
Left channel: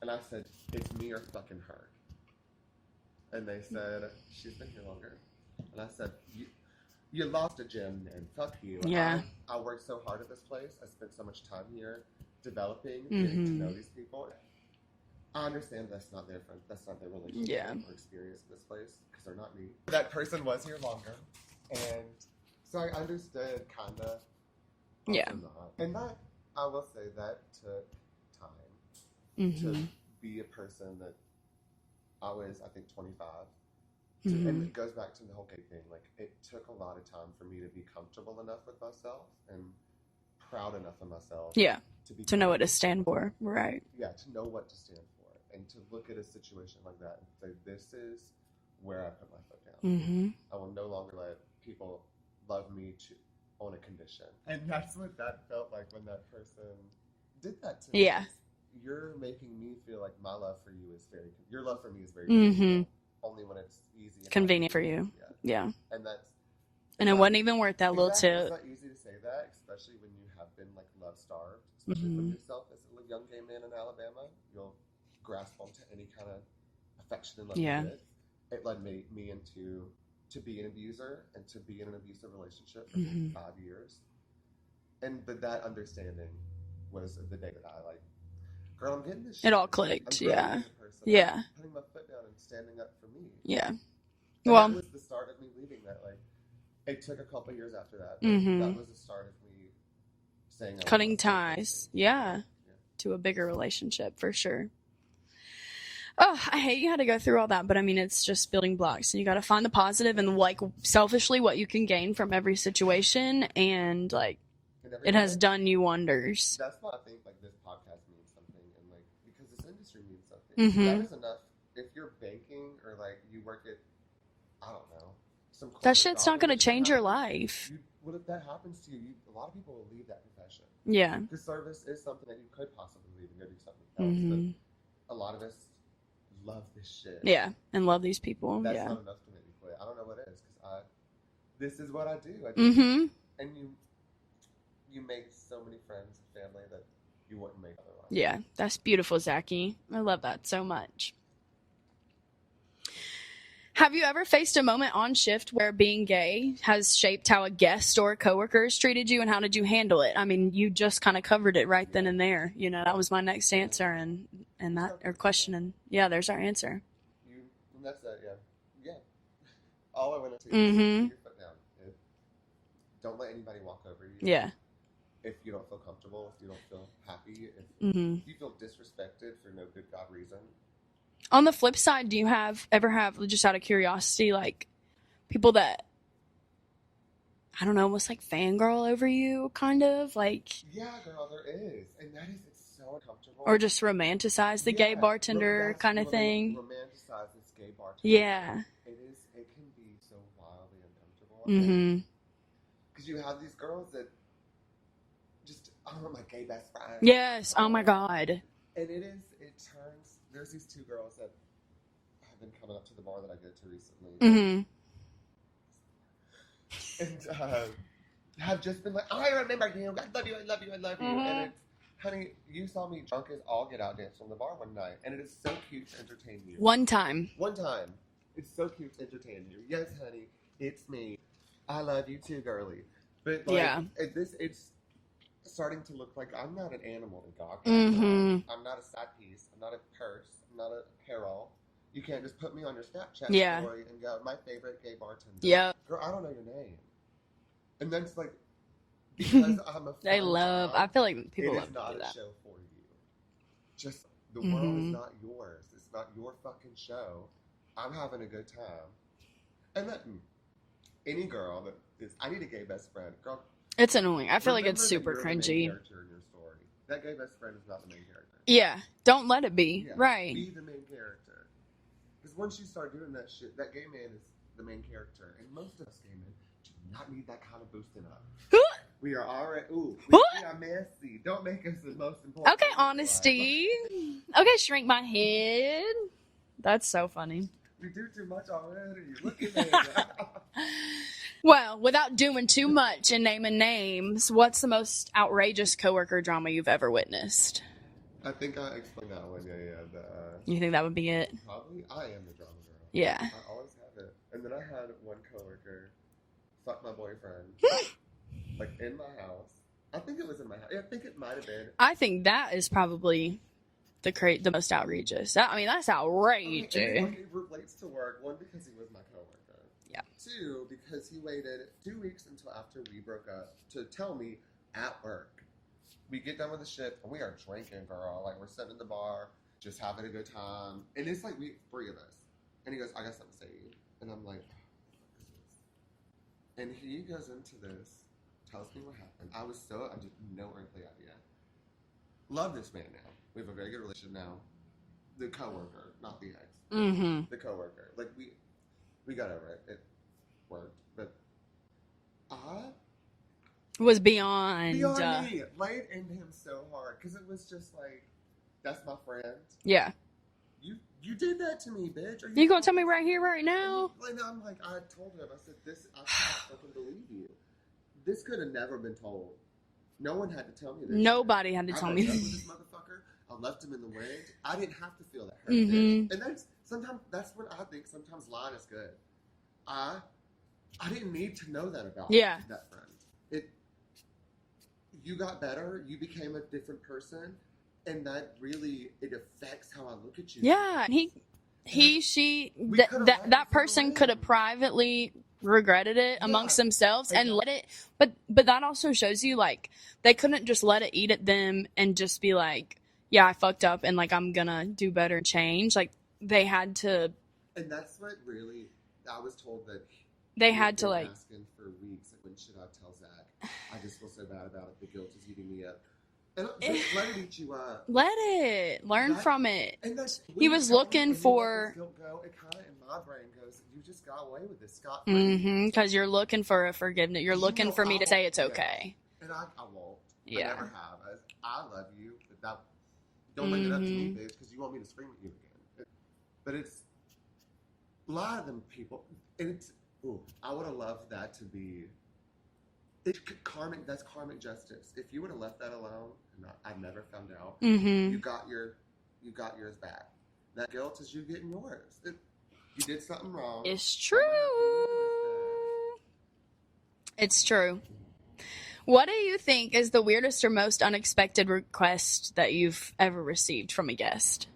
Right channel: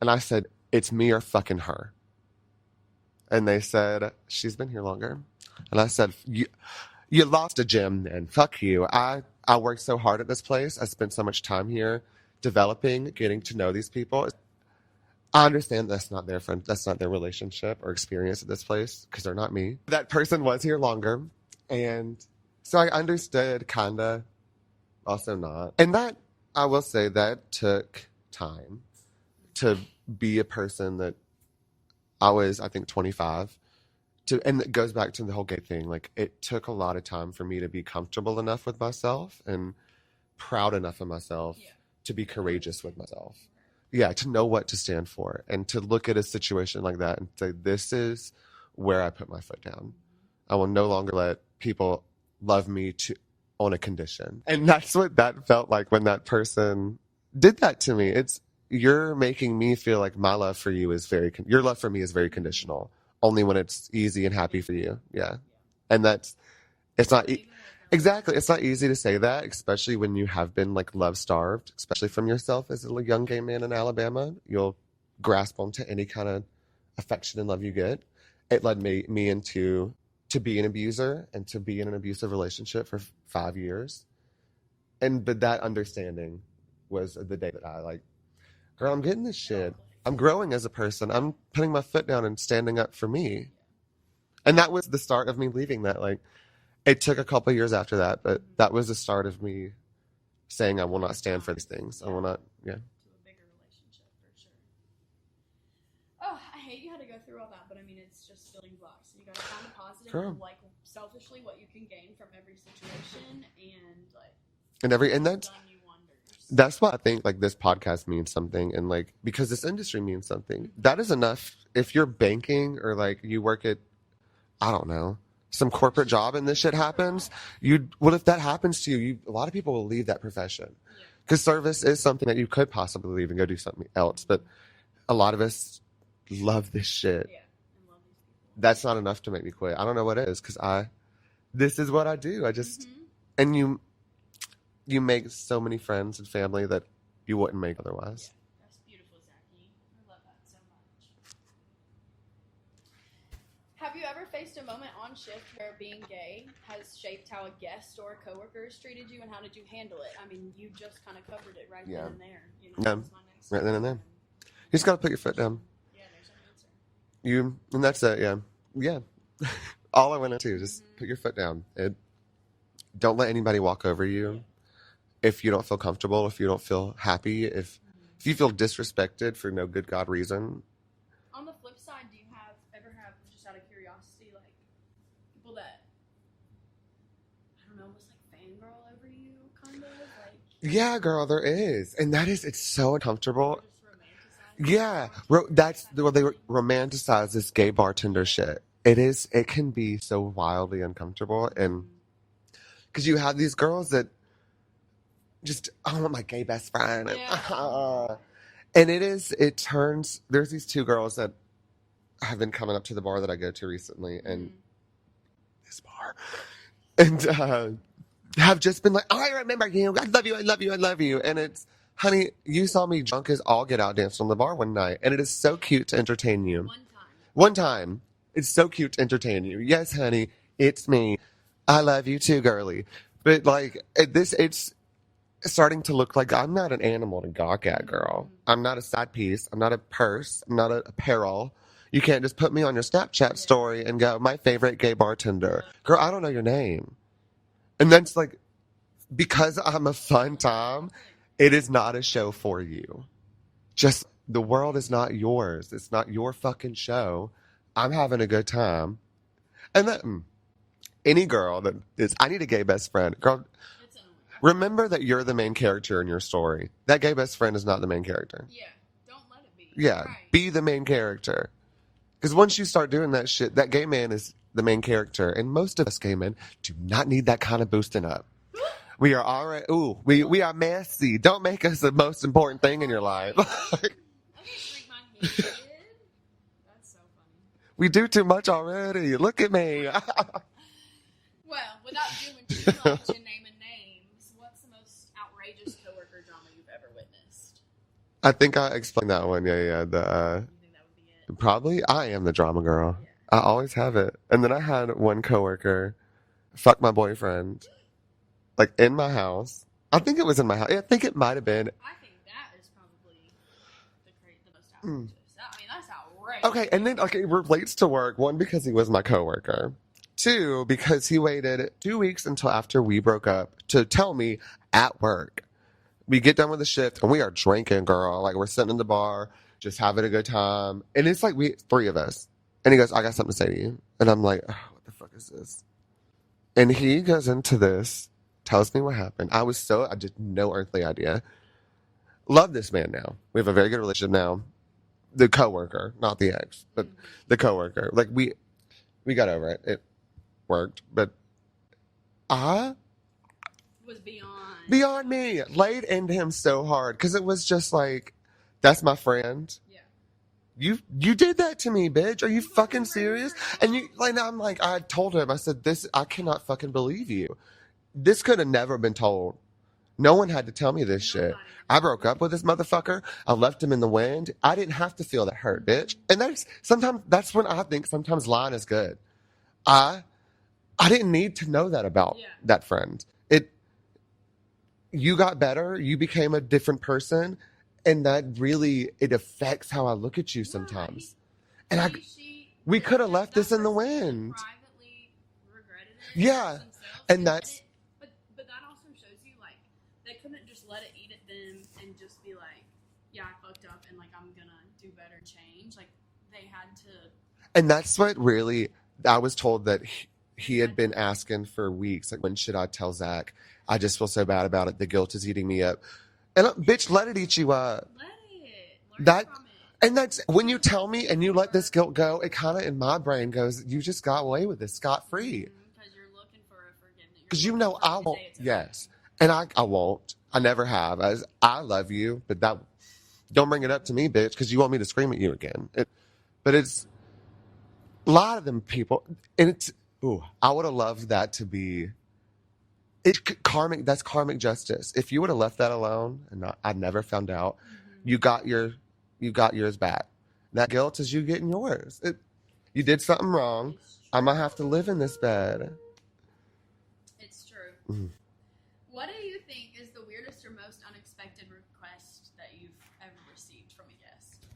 And I said, it's me or fucking her. And they said, she's been here longer. And I said, you lost a gem then. Fuck you. Yeah. I worked so hard at this place. I spent so much time here developing, getting to know these people. I understand that's not their friend, that's not their relationship or experience at this place, because they're not me. That person was here longer. And so I understood, kinda, also not. And that, I will say, that took time to be a person that I was, I think, 25. And it goes back to the whole gay thing. Like, it took a lot of time for me to be comfortable enough with myself and proud enough of myself. Yeah. To be to know what to courageous stand with for. myself. Right. Yeah, to know what to stand for and to look at a situation like that and say, this is where I put my foot down. I will no longer let people love me on a condition. And that's what that felt like when that person did that to me. Yeah. You're making me feel like my love for you is your love for me is very conditional. Only when it's easy and Convenient happy for for you. Yeah. Yeah. And that's, And it's it not wasn't even worth that exactly. little tip. It's not easy to say that, especially when you have been like love starved, especially from yourself as a young gay man in Alabama. You'll grasp onto any kind of affection and love you get. It led me into to be an abuser and to be in an abusive relationship for 5 years. But that understanding was the day that I like, girl, I'm getting this shit. It all clicked. I'm growing as a person. Yeah. I'm putting my foot down and standing up for me. Yeah. And that was the start of me leaving that. Like, it took a couple of years after that, but that was the start of me saying I will not stand for these things. Yeah. To a bigger relationship, for sure. Oh, I hate you had to go through all that, but I mean, it's just building blocks, and you got to find the positive and like selfishly what you can gain from every situation, and like it has done you wonders. That's why I think like this podcast means something, and like because this industry means something. That is enough. If you're banking or like you work at, I don't know, some corporate job and this shit happens, well, if that happens to you, a lot of people will leave that profession. Yeah, because service is something that you could possibly leave and go do something else, but a lot of us love this shit. Yeah, and love these people. That's not enough to make me quit. I don't know what it is, because this is what I do. I just and you make so many friends and family that you wouldn't make otherwise. Yeah, that's beautiful, Zachy. I love that so much. Have you ever faced a moment on shift where being gay has shaped how a guest or coworkers treated you, and how did you handle it? I mean, you just kind of covered it right then and there. You know, that was my next answer. And you just got to put your foot down. And yeah, there's our answer. And that's it. Yeah. All I went into is put your foot down. Don't let anybody walk over you. Yeah. If you don't feel comfortable, if you don't feel happy, if you feel disrespected for no good God reason. On the flip side, do you ever have, just out of curiosity, like people that, I don't know, almost like fangirl over you, kind of? Like, yeah, girl, there is. And it's so uncomfortable. Or just romanticize the gay bartender kind of thing. They romanticize this gay bartender shit. It can be so wildly uncomfortable. And because you have these girls that just, I want my gay best friend. Yes, oh my God. And there's these two girls that have been coming up to the bar that I go to recently. And this bar. And have just been like, oh, I remember you. I love you. I love you. I love you. And it's, honey, you saw me drunk as all get out dancing on the bar one night. And it is so cute to entertain you. One time. It's so cute to entertain you. Yes, honey, it's me. I love you too, girly. But like, it's starting to look like I'm not an animal to gawk at, girl. I'm not a side piece. I'm not a purse. I'm not a apparel. You can't just put me on your Snapchat story and go, my favorite gay bartender. Yep. Girl, I don't know your name. And that's like, because I'm a fun time, I feel like it is not a show for you. Just, the world is not yours. It's not your fucking show. I'm having a good time. And then, any girl that is, I need a gay best friend. Girl, it's annoying. I feel remember like it's that you're the main character in your story. That gay best friend is not the main character. Yeah. Don't let it be. Yeah. Right. Be the main character. Because once you start doing that shit, that gay man is the main character. And most of us gay men do not need that kind of boosting up. We are already, we are messy. Don't make us the most important thing in your life. Okay, shrink my head. That's so funny. We do too much already. Look at me. Well, without doing too much and naming names, what's the most outrageous coworker drama you've ever witnessed? I think I explained that one. Yeah. You think that would be it? Probably I am the drama girl. Yeah. I always have it. And then I had one coworker fuck my boyfriend, like in my house. I think it was in my house. I think it might have been. I think that is probably the most outrageous. I mean, that's outrageous. Okay, and then it relates to work. One, because he was my coworker. Yeah. Two, because he waited 2 weeks until after we broke up to tell me at work. We get done with the shift and we are drinking, girl. Like we're sitting in the bar, just having a good time. And it's like three of us. And he goes, I got something to say to you. And I'm like, oh, what the fuck is this? And he goes into this, tells me what happened. I just no earthly idea. Love this man now. We have a very good relationship now. The coworker, not the ex, but the coworker. Like we got over it. It worked, but I was beyond me. Laid into him so hard because it was just like, that's my friend. Yeah. You did that to me, bitch. Are you gonna fucking tell me right here, serious? right now? And I'm like, I told him, I said, I cannot fucking believe you. This could have never been told. No one had to tell me this shit. Nobody had to I tell broke me. up with this motherfucker. I left him in the wind. I didn't have to feel that hurt, bitch. And that's when I think sometimes lying is good. I didn't need to know that about that friend. You got better. You became a different person. And that really, it affects how I look at you sometimes. We could have left this in the wind. That person could have privately regretted it amongst themselves and let it. But that also shows you, like, they couldn't just let it eat at them and just be like, yeah, I fucked up and, like, I'm gonna do better and change. Like, they had to. And that's what really, I was told that he had been to, like, asking for weeks. Like, when should I tell Zach? I just feel so bad about it. The guilt is eating me up. And bitch, let it eat you up. Let it. Learn from it. And that's when you tell me and you let this guilt go, it kind of in my brain goes, you just got away with this scot-free. Because you're looking for a forgiveness. You're looking for me to say it's okay. Yes. And I won't. Yeah. I never have. I love you, but don't bring it up to me, bitch, because you want me to scream at you again. But it's a lot of them people, and I would have loved that to be. That's karmic justice. If you would have left that alone and I'd never found out, you got yours back. That guilt is you getting yours. You did something wrong. It's true. I'm gonna have to live in this bed. It's true. What do you think is the weirdest or most unexpected request that you've ever received from a guest?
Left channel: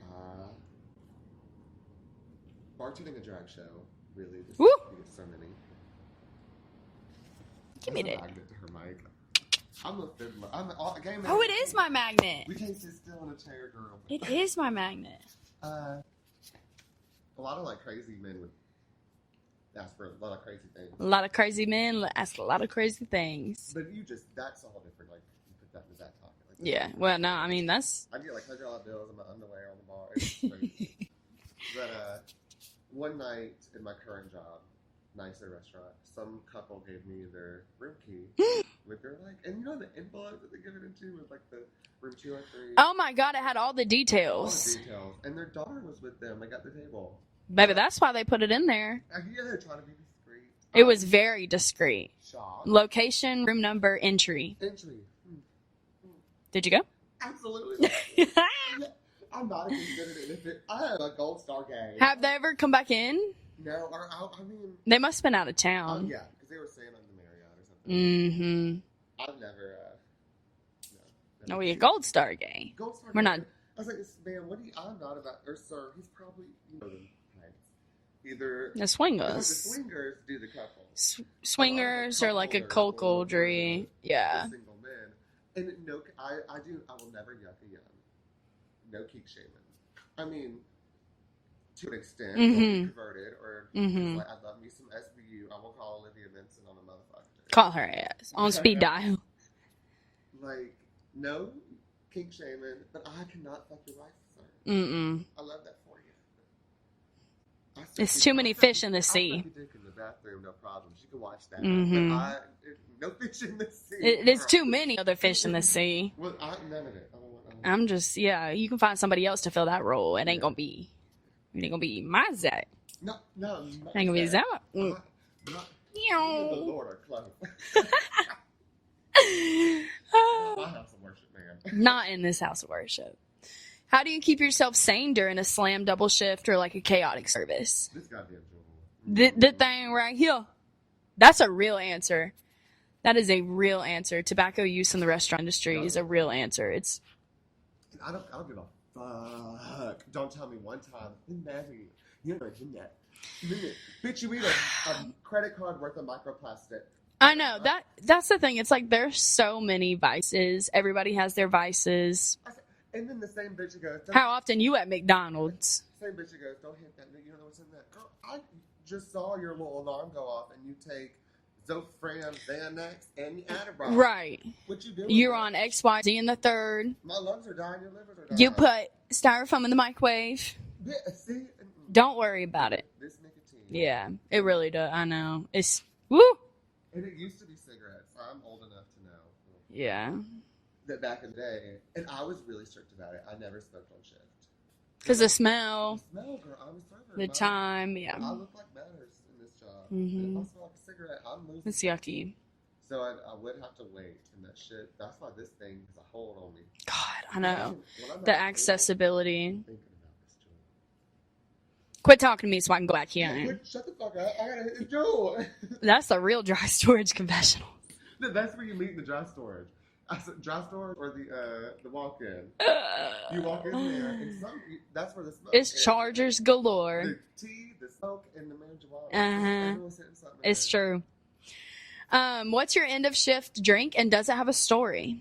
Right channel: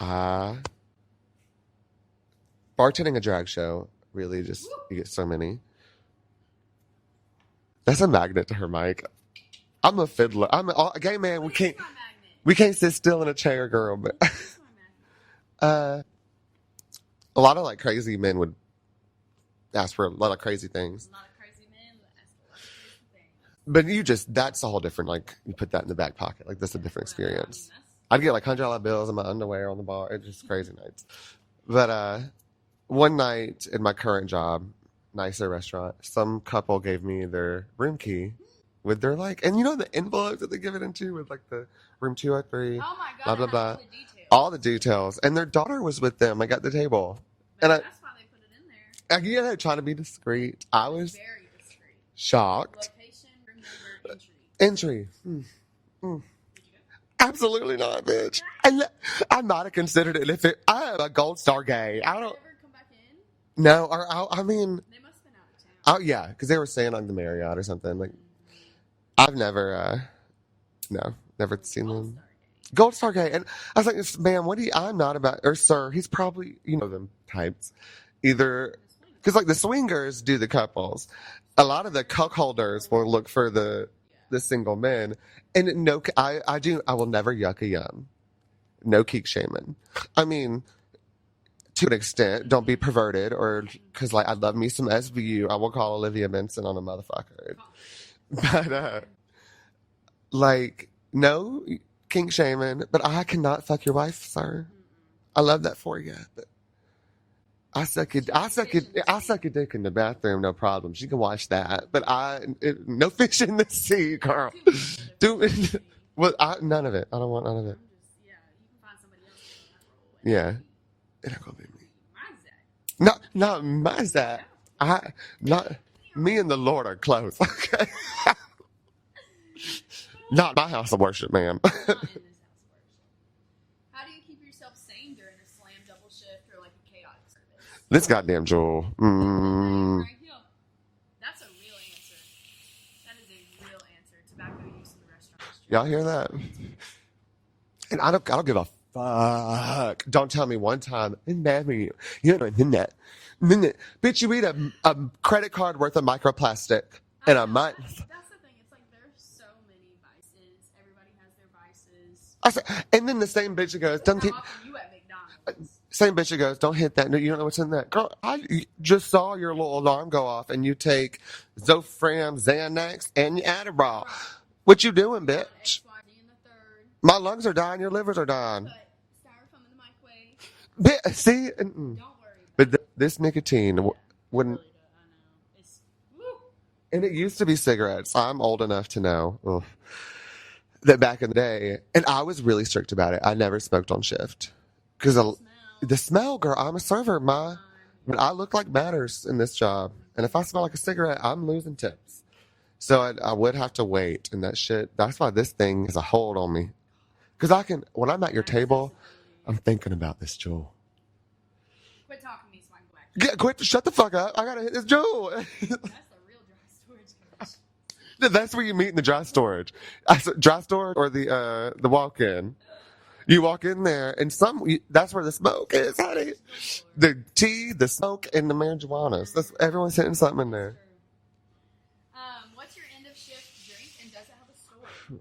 Bartending a drag show, really just, you get so many. That's a magnet to her mic. I'm a fiddler. I'm a gay man. Oh, it is my magnet. We can't sit still in a chair, girl. But it is my magnet. A lot of like crazy men would ask for a lot of crazy things. A lot of crazy men ask a lot of crazy things. But that's a whole different, like, you put that in the back pocket. Like, that's a different experience. No, I mean, I'd get like $100 bills in my underwear on the bar. It's just crazy nights. But one night in my current job, nicer restaurant, some couple gave me their room key with their, like, and you know the envelopes that they give it into with, like, the room 203. Oh my God, blah, blah, it had blah. all the details. All the details. And their daughter was with them, like, at the table. Baby, that's why they put it in there. Yeah, trying to be discreet. It was very discreet. Shocked. Location, room number, entry. Did you go? Absolutely not, bitch. I might have considered it I am a gold star gay. Have they ever come back in? No, I mean... They must have been out of town. Oh, yeah, because they were staying on the Marriott or something. Like, I've never, never seen Gold them. Star gay. Gold Star gay. And I was like, ma'am, I'm not about... Or, sir, he's probably, them types. Either... The swingers. Because, like, the swingers do the couples. Swingers, a lot of the cup like holders will look for the yeah. single men. And no, I will never yuck a yum. No kink shaming. I mean... To an extent, don't be perverted, or because like I love me some SVU, I will call Olivia Benson on a motherfucker. Call her ass on speed dial. Like, no kink shaming, but I cannot fuck your wife, sir. I love that for you, but There's too many fish in the sea. I suck your dick in the bathroom, no problem. She can watch that, but no fish in the sea. There's too many other fish in the sea. Well, none of it. I don't want none of it. I'm just you can find somebody else to fill that role. It ain't gonna be. It ain't gonna be my Zack. Not my Ain't Zack. Zack. Me and the Lord are close. Okay. Not my house of worship, ma'am. Not in this house of worship. How do you keep yourself sane during a slam double shift or like a chaotic service? This goddamn jewel. The thing right here. That's a real answer. That is a real answer. Tobacco use in the restaurant industry Y'all is a hear real that? answer. It's And I don't give a fuck. Don't tell me one time. It's bad for you. You know, bitch, you eat a credit card worth of microplastic I in a know month. that's the thing. It's like there's so many vices. Everybody has their vices. And then the same bitch that goes, How often you at McDonald's? same bitch that goes, don't hit that. No, you don't know what's in that. Girl, I just saw your little alarm go off and you take Zofran, Xanax, and your Adderall. Right. What you doing, You're bitch? on XYZ in the third. My lungs are dying. Your livers are dying. You put styrofoam in the microwave. See? Don't worry about But it. this nicotine. Yeah, it when- really does. I know. It's woo. And it used to be cigarettes. I'm old enough to know. Ugh. Yeah. That back in the day, and I was really strict about it. I never smoked on shift Because the smell, the smell, girl. I'm a server. the time, yeah. And I look like matters in this job, and if I smell like a cigarette, I'm losing It's tips. yucky. So I would have to wait, and that shit. That's why this thing is a hold on me. God, I know. Because I can, when I'm at the your table, accessibility. I'm thinking about this jewel. Quit talking to me so I can go back here. Quit! Shut the fuck up! I gotta hit this jewel. That's the real dry storage confessional. That's where you meet in the dry storage. Dry storage or the walk-in. You walk in there, and that's where the smoke It's is. chargers galore. The tea, the smoke, and the marijuana. Everyone's hitting something in It's there. true. What's your end of shift drink, and does it have a story?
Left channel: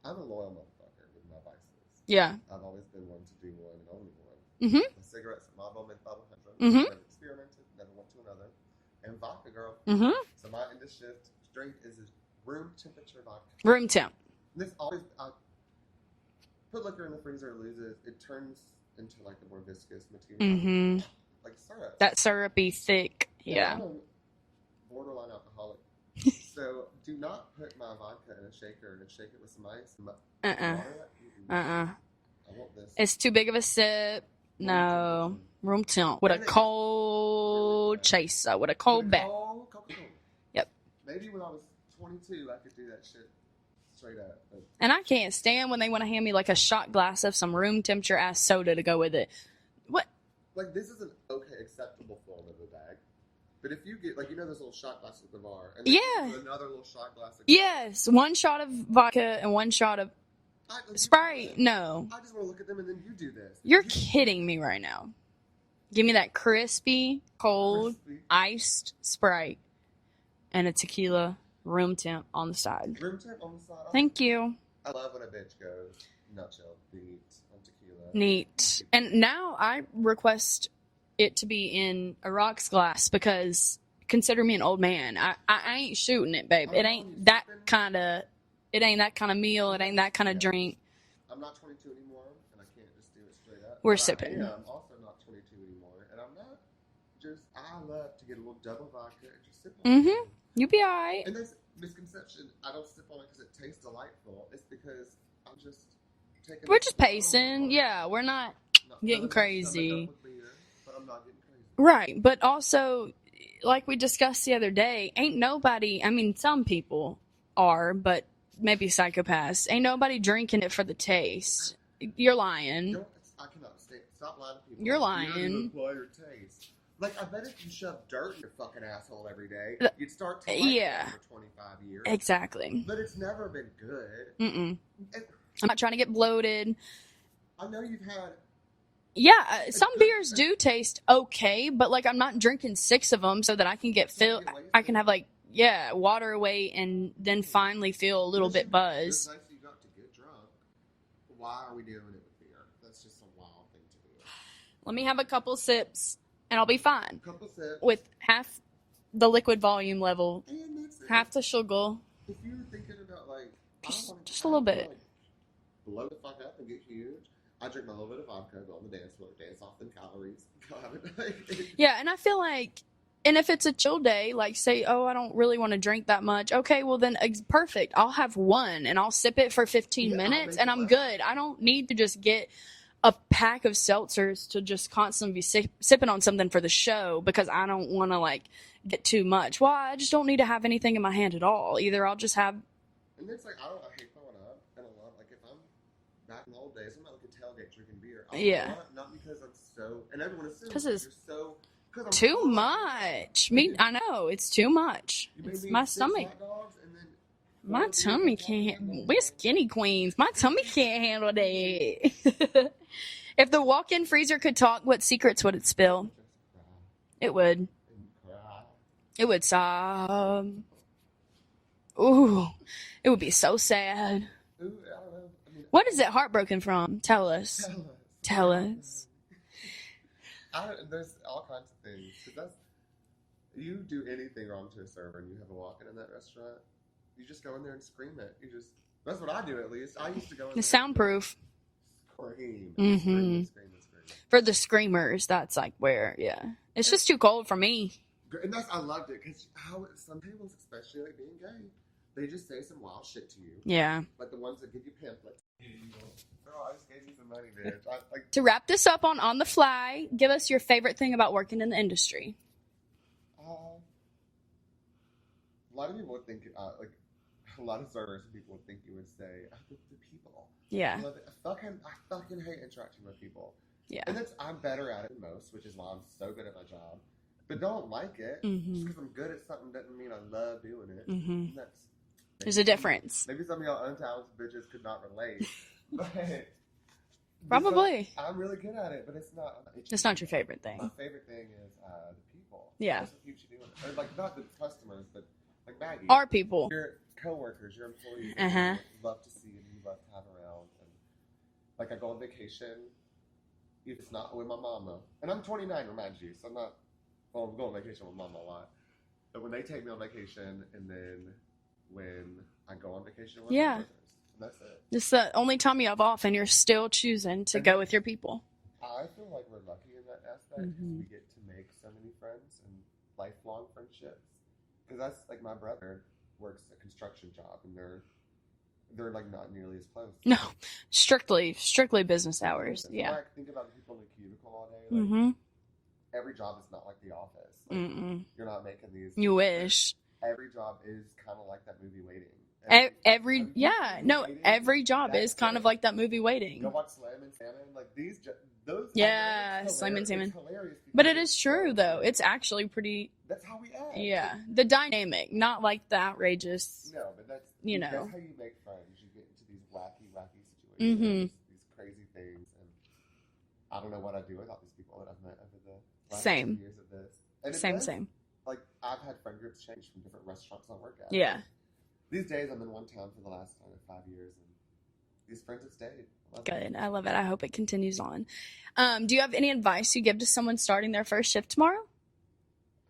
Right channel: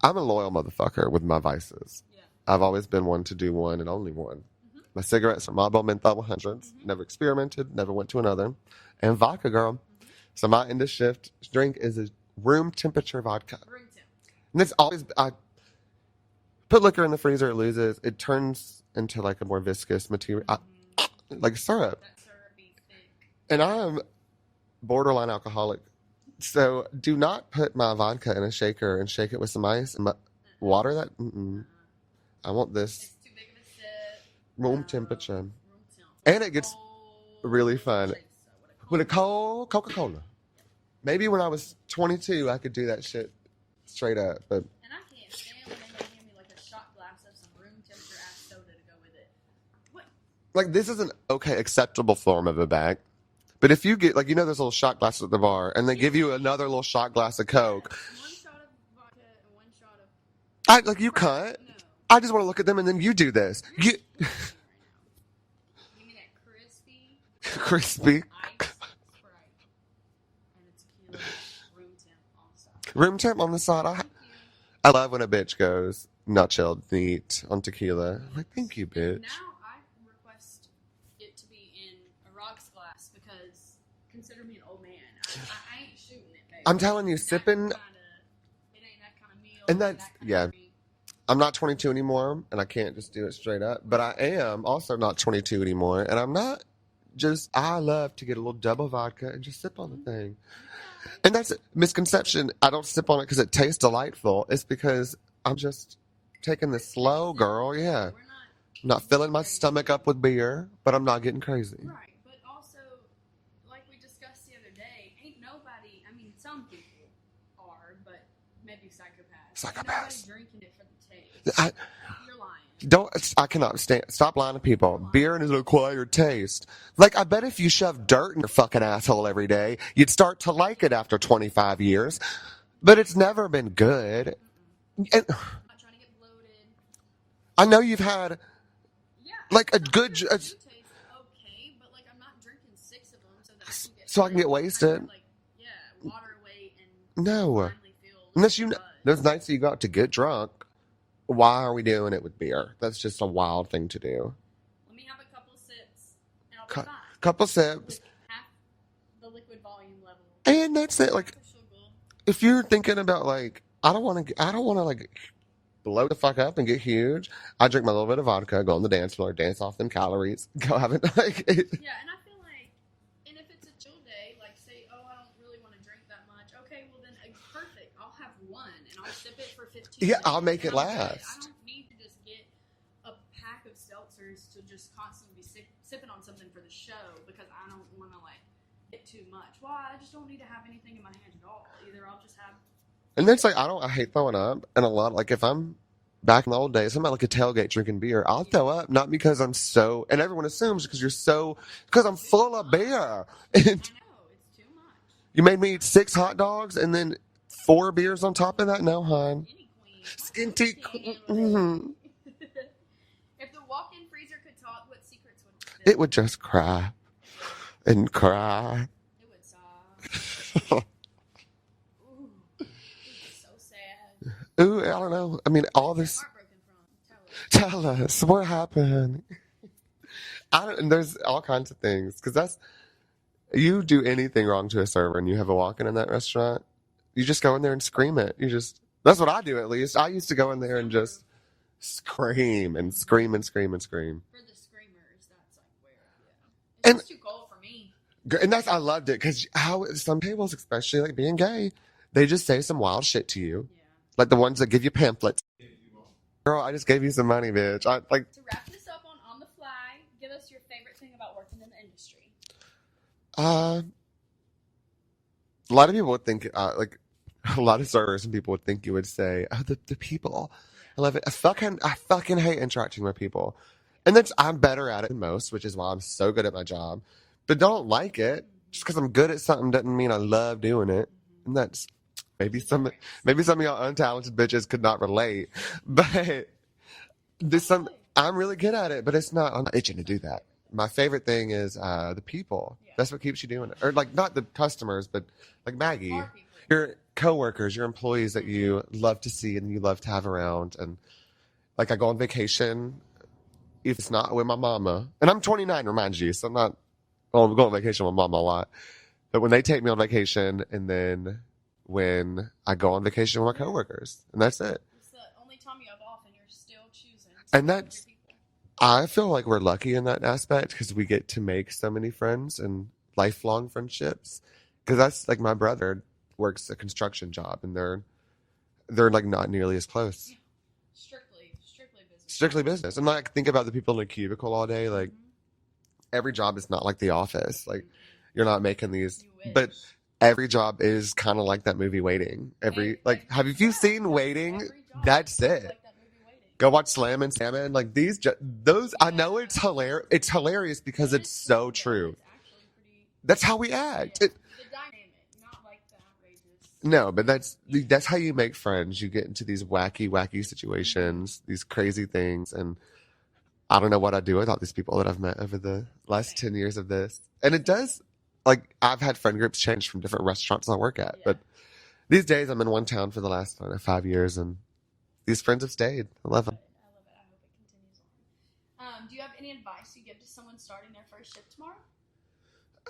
I'm a loyal motherfucker with my vices. Yeah. I've always been one to do one and only one. Mhm. My cigarettes are Marlboro Menthol 100. Never experimented, never went to another. And vodka, girl. Mhm. So my end of shift drink is a room temperature vodka. Room temp. And it's always, I put liquor in the freezer, it loses. It turns into like a more viscous material, like syrup. That syrupy, thick. And Yeah. I'm borderline alcoholic. So do not put my vodka in a shaker and shake it with some ice and water that. I want this It's too big of a sip. room No. temperature. Room temp. With And a it gets cold really fun. chaser. With a cold With a cold Coca-Cola. Yep. Maybe when I was 22, I could do that shit straight up. But And I can't stand when they want to hand me like a shot glass of some room temperature ass soda to go with it. What? like, this is an acceptable form of a bag. But if you get, like, those little shot glasses at the bar, and they give you another little shot glass of Coke. Yes. One shot of vodka and one shot of You Sprite. cut. No. I just want to look at them, and then you do this. You're kidding me right now. Give me that crispy, cold, Crispy. iced Sprite and a tequila room temp on the side. Room temp on the side. Thank you. I love when a bitch goes nut chilled, neat on tequila. Neat. Like, thank you, bitch. And now I request it to be in a rocks glass because consider me an old man. I ain't shooting it, baby. I'm It telling ain't you, that sipping- it ain't that kind of meal. And It ain't that that's- kind of yeah. drink. I'm not 22 anymore, and I can't just do it straight up. We're but sipping. I am also not 22 anymore, and I'm not just. I love to get a little double vodka and just sip on the thing. You be all right. And that's a misconception. I don't sip on it because it tastes delightful. It's because I'm just taking We're it just slow, pacing. girl. Yeah, we're not. Not getting filling my stomach crazy. up with beer, but I'm not getting crazy. Right, but also, like we discussed the other day, ain't nobody, I mean, some people are, but maybe psychopaths. Ain't nobody drinking it for the taste. You're lying. I cannot stand. Stop lying to people. You're lying. Beer is an acquired taste. Like, I bet if you shove dirt in your fucking asshole every day, you'd start to like it Yeah. after 25 years. Exactly. But it's never been good. Mm-mm. And I'm not trying to get bloated. I know you've had. Yeah, Like a some good- beers do taste okay, but like I'm not drinking 6 of them so that I can get So I filled. can get I wasted? can have like water away and then No. finally feel a little Unless bit buzzed. There's nights that you go out to get drunk. Why are we doing it with beer? That's just a wild thing to do. Let me have a couple sips and I'll be fine Couple sips. with half the liquid volume level, And that's it. half Like, the sugar. if you're thinking about like, I don't want Just a to little bit. like blow the fuck up and get huge. I drink my little bit of vodka, go on the dance floor, dance off them calories, go have it like. Yeah, and I feel like, and if it's a chill day, like say, oh, I don't really want to drink that much. Okay, well then, perfect. I'll have one and I'll sip it for 15 Yeah, I'll minutes make and it I'm good. last. I don't need to just get a pack of seltzers to just constantly be sipping on something for the show because I don't want to like get too much. Well, I just don't need to have anything in my hand at all. Either I'll just have. And that's like, I hate throwing up. And a lot, like if I'm back in the old days, I'm at like a tailgate drinking beer, I'll throw up, not because I'm so, and everyone assumes because you're so, because I'm too full much. of beer. I know, it's too much. You made me eat 6 stomach. hot dogs and then 4 beers on top of that? No, We're hon. skinny queens. My tummy can't handle Mm-hmm. that. If the walk-in freezer could talk, what secrets would it spill? It would just cry. It would. And cry. It would sob. Ooh, it would be so sad. Ooh, I don't know. I mean, What all is this... it heartbroken from? Tell us. Tell us. Tell What us. happened? And there's all kinds of things. Because that's... You do anything wrong to a server and you have a walk-in in that restaurant, you just go in there and scream it. You just... That's what I do, at least. I used to go in there and Soundproof. just scream and scream and scream and scream. For the screamers, that's like where, yeah. It's And- just too cold for me. And that's... I loved it. Because how some tables, especially like being gay, they just say some wild shit to you. Yeah. Like the ones that give you pamphlets. Girl, I just gave you some money, bitch. To wrap this up on the fly, give us your favorite thing about working in the industry. A lot of people would think, like, a lot of servers and people would think you would say, oh, the people. Yeah. I love it. I fucking hate interacting with people. Yeah. And I'm better at it than most, which is why I'm so good at my job. But don't like it. Just because I'm good at something doesn't mean I love doing it. And that's... There's a difference. Maybe some of y'all untalented bitches could not relate. But... Probably. I'm really good at it, but it's not. I'm not itching It's to not do your that. favorite thing. My favorite thing is the people. Yeah. That's what keeps you doing it. Or like not the customers, but like Maggie. Our people. Your coworkers, your employees that you love to see and you love to have around. And like I go on vacation, if it's not with my mama, and I'm 29, remind you, so I'm not. Well, I'm going on vacation with mama a lot, but when they take me on vacation, and then when I go on vacation with my coworkers, and that's it. It's the only time you have off, and you're still choosing to go with your people. I feel like we're lucky in that aspect because we get to make so many friends and lifelong friendships. Because that's like my brother works a construction job, and they're like not nearly as close. No, strictly business. Strictly hours. business. Yeah. And like think about the people in the cubicle all day. Like every job is not like The Office. Like you're not making these. You wish. But every job is kind of like that movie Waiting. Have you seen Waiting? Every job is kind of like that movie Waiting. Go watch Slam and Salmon. Like those, I know it's Slam and hilarious. Salmon. It's hilarious because but it's true, so though. true. It's actually pretty. That's how we act. Yeah, the dynamic, not like the outrageous. No, but that's You know. that's how you make friends. You get into these wacky situations, these crazy things, and I don't know what I'd do without these people that I've met over the last 10 years of this. And it does. Same. Like I've had friend groups change from different restaurants I work at. Yeah. But these days I'm in one town for the last 5 years, and these friends have stayed. I love it. Good. I love it. I hope it continues on. Do you have any advice you give to someone starting their first shift tomorrow?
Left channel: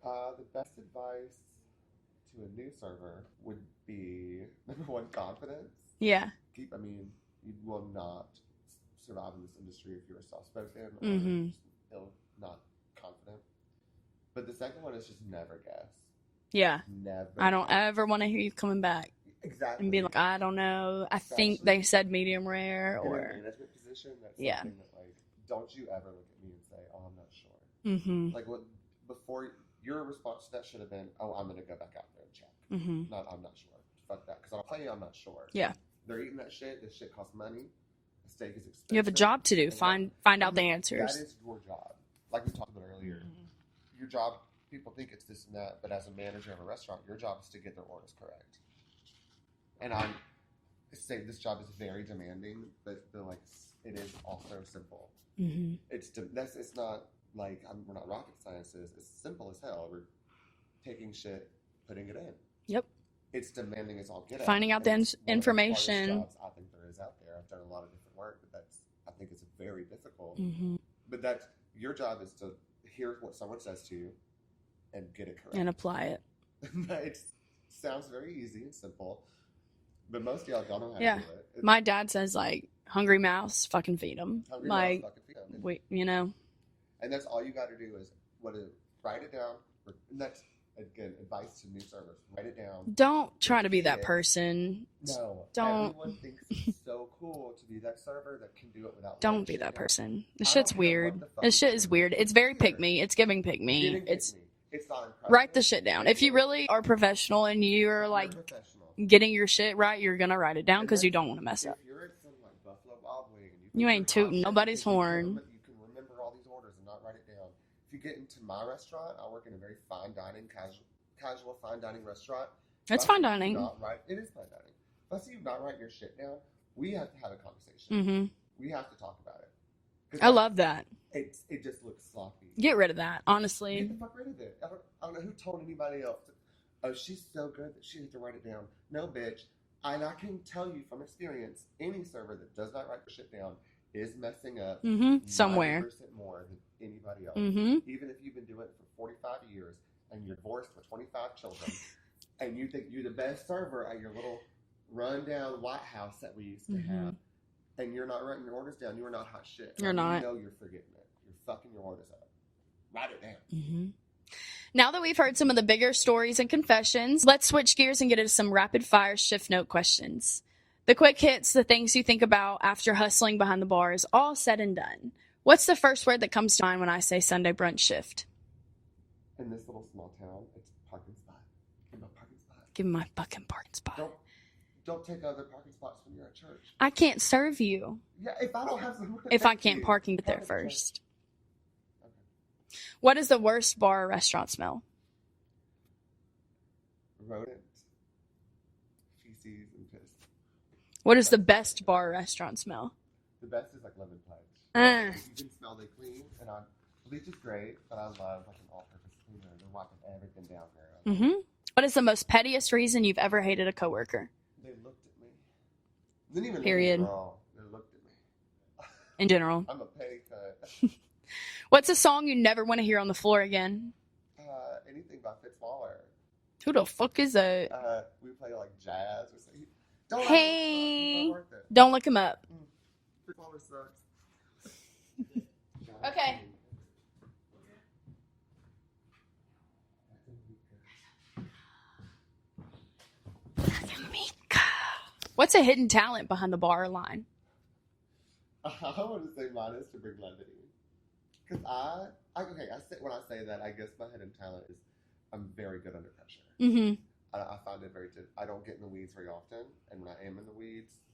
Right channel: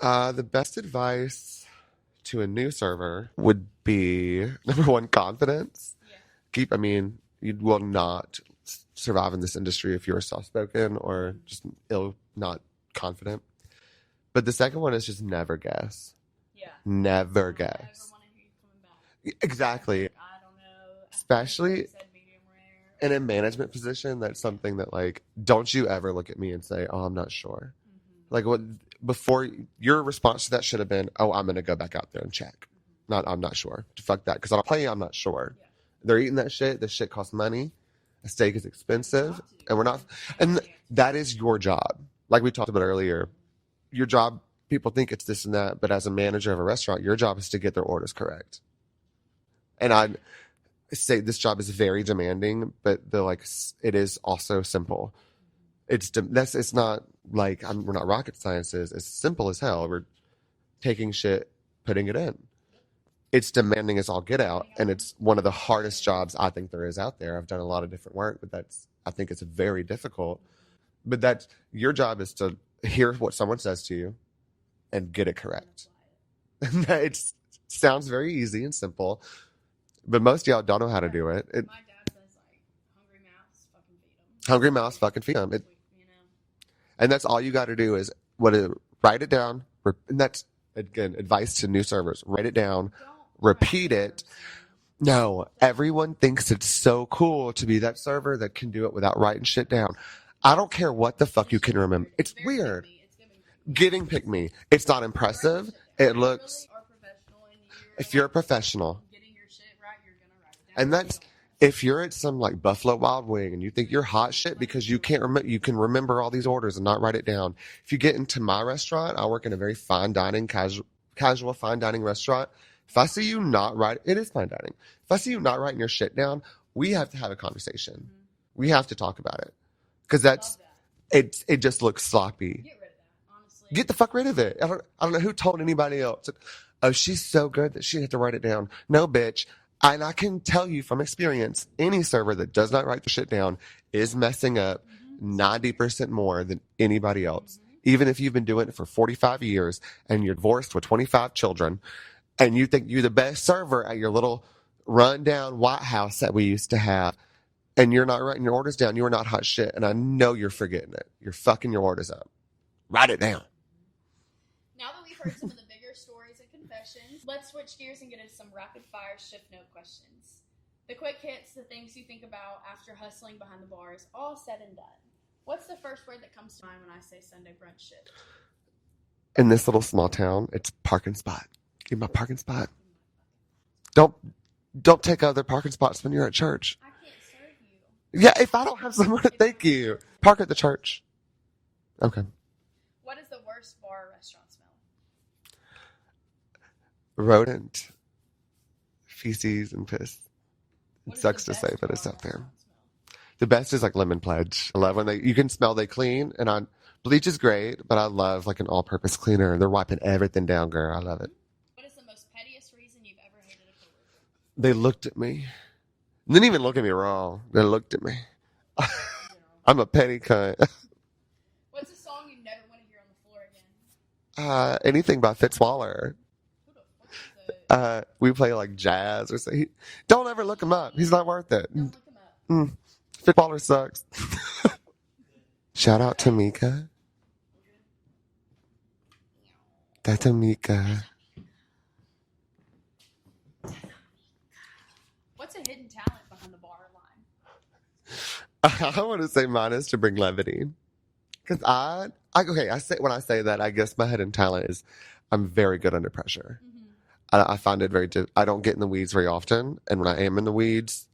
The best advice to a new server would be number one, confidence. Yeah. You will not survive in this industry if you're soft-spoken or just not confident. But the second one is just never guess. Yeah. Never I don't guess. ever want to hear you coming back. Exactly. And be like, I don't know. I Especially think they said medium rare. in a management position, that's something that, like, don't you ever look at me and say, oh, I'm not sure. Like, before your response to that should have been, oh, I'm going to go back out there and check. Not, I'm not sure. Fuck that. Because I'll play you, I'm not sure. Yeah. They're eating that shit. This shit costs money. A steak is expensive. You have a job to do. Find out the answers. That is your job. Like we talked about earlier. Your job, people think it's this and that, but as a manager of a restaurant, your job is to get their orders correct. And I say this job is very demanding, but it is also simple. It's not like we're not rocket sciences. It's simple as hell. We're taking shit, putting it in. Yep. It's demanding as all get out. Finding out and the it's one of the hardest information. jobs I think there is out there. I've done a lot of different work, but I think it's very difficult. But your job is to hear what someone says to you and get it correct. And apply it. It sounds very easy and simple, but most of y'all don't know how to do it. My dad says, like, hungry mouse, fucking feed them. Hungry mouse, fucking feed them. You know? And that's all you got to do is write it down. And again, advice to new servers: write it down. Don't try to be Repeat that it. person. No, Don't. everyone thinks it's so cool to be that server that can do it without Don't writing be shit that down. person. I don't Shit's care weird. what the fuck This you shit can is remember. weird. It's very weird. pick me. It's giving pick me. Getting pick me. It's not impressive. Write the shit down. It If you looks- really are professional and you're if you're a like professional, getting your shit right, you're gonna write it down And because you that's- don't want to mess up. if you're at some like Buffalo Wild Wing and you think You you're ain't hot tooting shit nobody's because you can't horn. you can remember all these orders and not write it down. If you get into my restaurant, I work in a very fine dining, casual fine dining restaurant. If It's I fine see dining. you not write, it is fine dining. If I see you not writing your shit down, we have to have a conversation. Mm-hmm. We have to talk about it because I love that. it just looks sloppy. Get rid of that, honestly. Get the fuck rid of it. I don't know who told anybody else. Oh, she's so good that she had to write it down. No, bitch. And I can tell you from experience, any server that does not write the shit down is messing up Somewhere. 90% more than anybody else. Mm-hmm. Even if you've been doing it for 45 years and you're divorced with 25 children and you think you're the best server at your little rundown White House that we used to have, and you're not writing your orders down, you are not hot shit. And You're I not. know you're forgetting it. You're fucking your orders up. Write it down. Mm-hmm. Now that we've heard some of the bigger stories and confessions, let's switch gears and get into some rapid fire shift note questions. The quick hits, the things you think about after hustling behind the bars, all said and done. What's the first word that comes to mind when I say Sunday brunch shift? In this little small town, it's parking spot. Give me my parking spot. Give me my fucking parking spot. Don't take other parking spots when you're at church. I can't serve you. Yeah, if I don't have somewhere to If I thank can't you, park at the first. church. Okay. What is the worst bar or restaurant smell? Rodent, feces, and piss. What is Sucks the to say, best but it's bar or up there. restaurant smell? The best is like lemon pledge. I love when you can smell they clean, and bleach is great, but I love like an all-purpose cleaner. They're wiping everything down, girl. I love it. What is the most pettiest reason you've ever hated a coworker? They looked at me. They didn't even look at me Period. wrong. They looked at me. In general. I'm a petty cunt. What's a song you never want to hear on the floor again? Anything by Fitzwaller. Who the fuck is that? We play like jazz or something. Don't ever look him up. He's not worth it. Don't look him up. Fitzwaller sucks. Shout out to Mika. That's a Mika. What's a hidden talent behind the bar line? I want to say mine is to bring levity. Because when I say that, I guess my hidden talent is I'm very good under pressure. Mm-hmm. I find it I don't get in the weeds very often. And when I am in the weeds,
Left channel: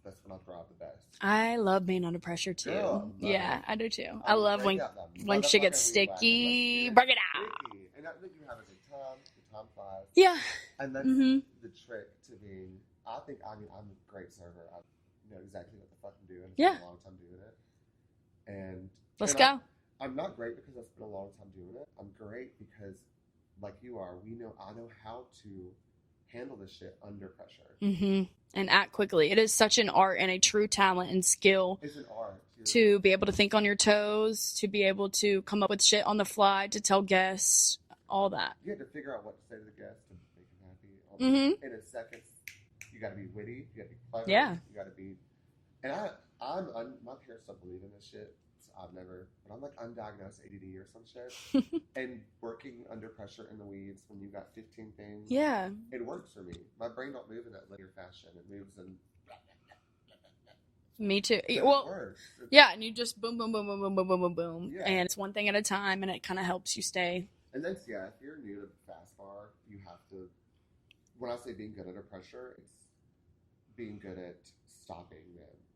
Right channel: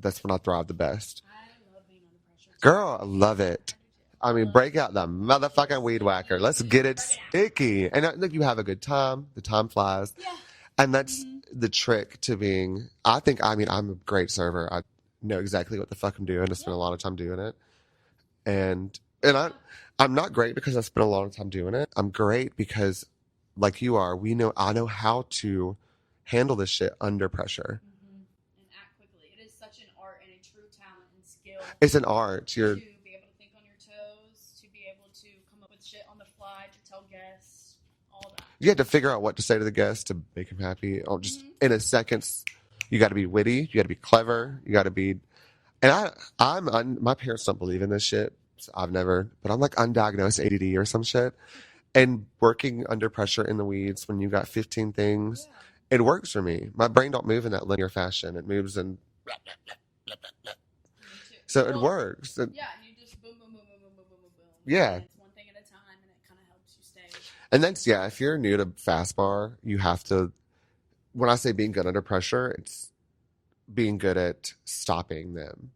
that's when I thrive the best. I love being under pressure too. Girl, I love it. I do too. I mean, love break when- out the when shit gets motherfucking weed whacker. sticky. Let's get it Break it out. sticky. And look, you have a good time. The time flies. Yeah. And that's the trick to being, I'm a great server. I know exactly what the fuck I'm doing. I spend a lot of time doing it. And Let's go. I'm not great because I spent a lot of time doing it. I'm great because, like you are, I know how to handle this shit under pressure. Mm-hmm. And act quickly. It is such an art and a true talent and skill. It's an art. To be able to think on your toes, to be able to come up with shit on the fly, to tell guests, all that. You have to figure out what to say to the guests to make them happy. In a second, you got to be witty. You got to be clever. Yeah. You got to be. And my parents don't believe in this shit. So but I'm like undiagnosed ADD or some shit. And working under pressure in the weeds when you got 15 things, it works for me. My brain don't move in that linear fashion. It moves in. Me too. So it works. Yeah, and you just boom, boom, boom, boom, boom, boom, boom, boom, boom. Yeah. And it's one thing at a time, and it kind of helps you stay. And that's, if you're new to fast bar, you have to, when I say being good under pressure, it's being good at stopping them.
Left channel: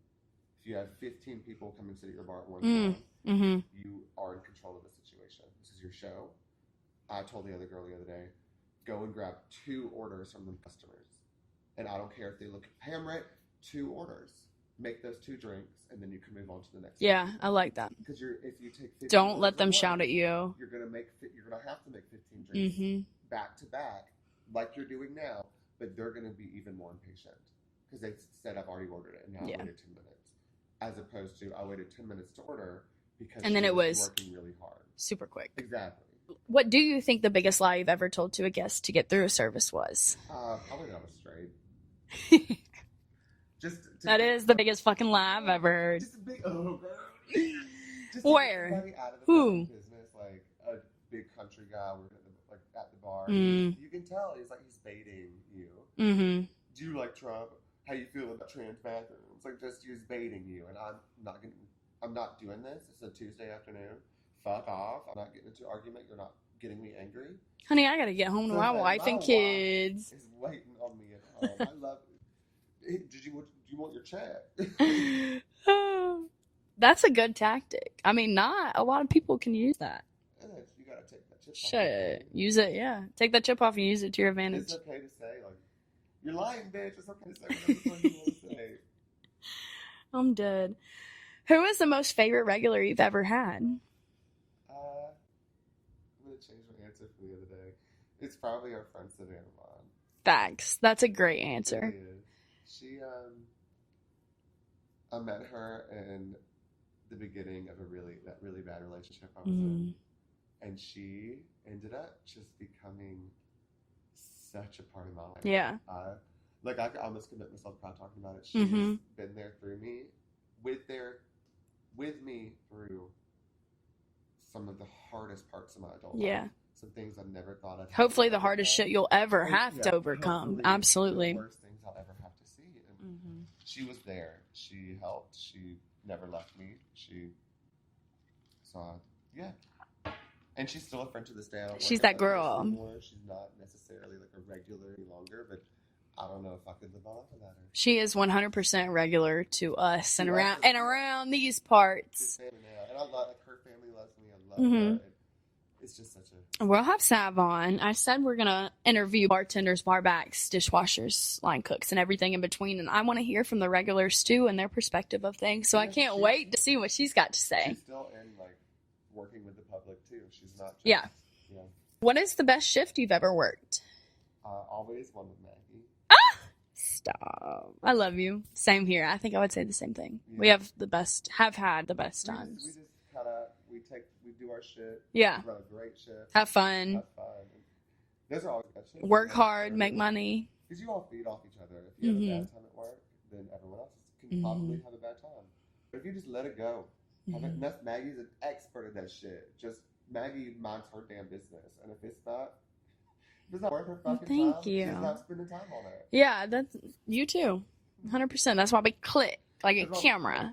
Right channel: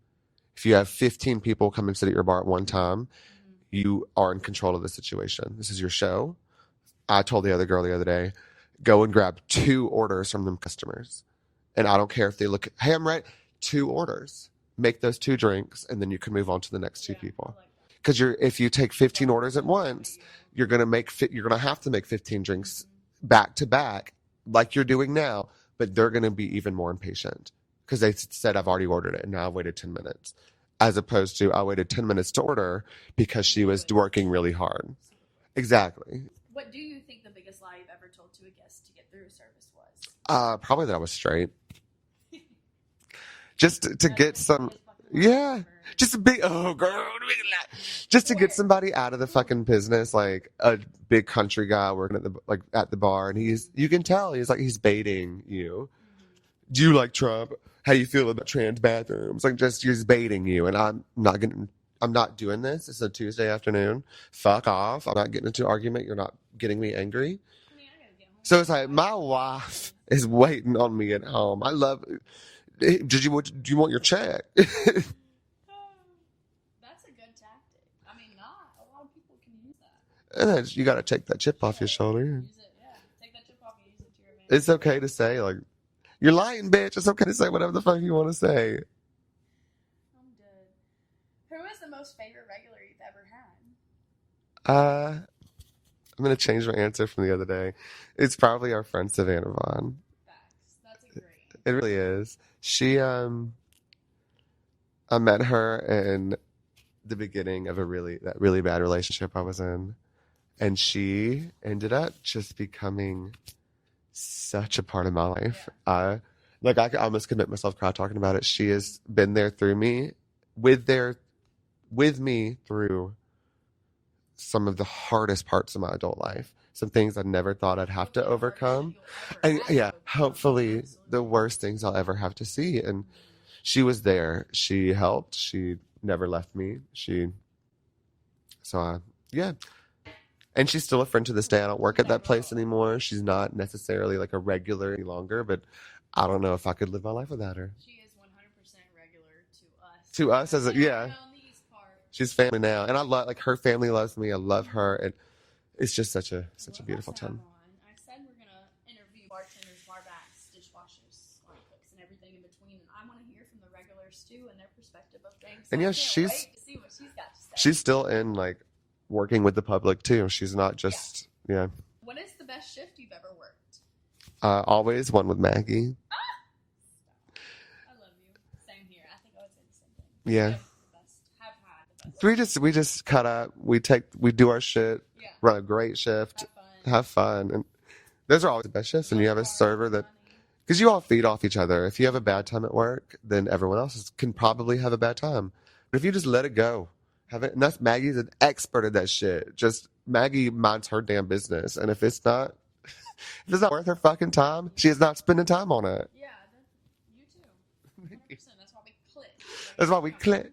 If you have 15 people come and sit at your bar at one time, you are in control of the situation. This is your show. I told the other girl the other day, go and grab 2 orders from them customers. And I don't care if they look, hey, I'm right, 2 orders. Make those 2 drinks, and then you can move on to the next 2 people. Yeah, I like that. Because if you take 15 Don't orders let at them once, shout at you. you're gonna have to make 15 drinks back to back, like you're doing now. But they're gonna be even more impatient because they said I've already ordered it, and now I waited 10 minutes, as opposed to I waited 10 minutes to order because she was working really hard. Super quick. Exactly. What do you think the biggest lie you've ever told to a guest to get through a service was? Probably that I was straight. just to That get is some, the biggest fucking laugh yeah, I've ever heard. just a big, just to Where? get somebody out of the Who? fucking business, like a big country guy working at the bar, and you can tell he's baiting you. Mm-hmm. Do you like Trump? How do you feel about trans bathrooms? Like, just he's baiting you, and I'm not doing this. It's a Tuesday afternoon. Fuck off. I'm not getting into an argument. You're not getting me angry. Honey, I gotta get home So to it's my like wife my and wife kids. is waiting on me at home. I love. Do you want your check? That's a good tactic. I mean, not a lot of people can use that. And then you got to take that chip off your Shit. shoulder. Use it, yeah. Take that chip off and use it to your advantage. It's okay to say, like, you're lying, bitch. It's okay to say whatever the fuck you want to say. I'm dead. Who is the most favorite regular you've ever had? I'm gonna change my answer from the other day. It's probably our friend Savannah Vaughn. Facts. That's a great answer. It really is. She I met her in the beginning of that really bad relationship I was in, and she ended up just becoming such a part of my life. Yeah. I could almost commit myself cry talking about it. She has been there through me, with me through some of the hardest parts of my adult life. Some things I never thought I'd have Hopefully to overcome. the hardest shit you'll ever have to overcome. Hopefully Absolutely. the worst things I'll ever have to see. And she was there. She helped. She never left me. And she's still a friend to this day. I don't work She's at that that place girl. anymore. She's not necessarily like a regular any longer, but I don't know if I could live my life without her. She is 100% regular to us. To us around these parts. She's family now. And I love, like, her family loves me. I love her. And it's just such a We'll have beautiful Sav time. on. I said we're going to interview bartenders, barbacks, dishwashers, line cooks, and everything in between. And I want to hear from the regulars, too, and their perspective of things. So And I yeah, can't wait to see what she's got to say. She's still in, like, working with the public, too. She's not just, yeah. What is the best shift you've ever worked? Always one with Maggie. Stop. I love you. Same here. I think I would say the same thing. Yeah. We have had the best. So times. we just cut up. We do our shit. Yeah. Run a great shift. Have fun. And those are always the best shifts. Work and you have a hard, server make money. Because you all feed off each other. If you have a bad time at work, then everyone else can Mm-hmm. probably have a bad time. But if you just let it go, and that's Maggie's an expert at that shit. Just Maggie minds her damn business, and if it's not worth her fucking time, you. she is not spending time on it. Yeah, that's you too. 100%. That's why we click like That's a why we camera.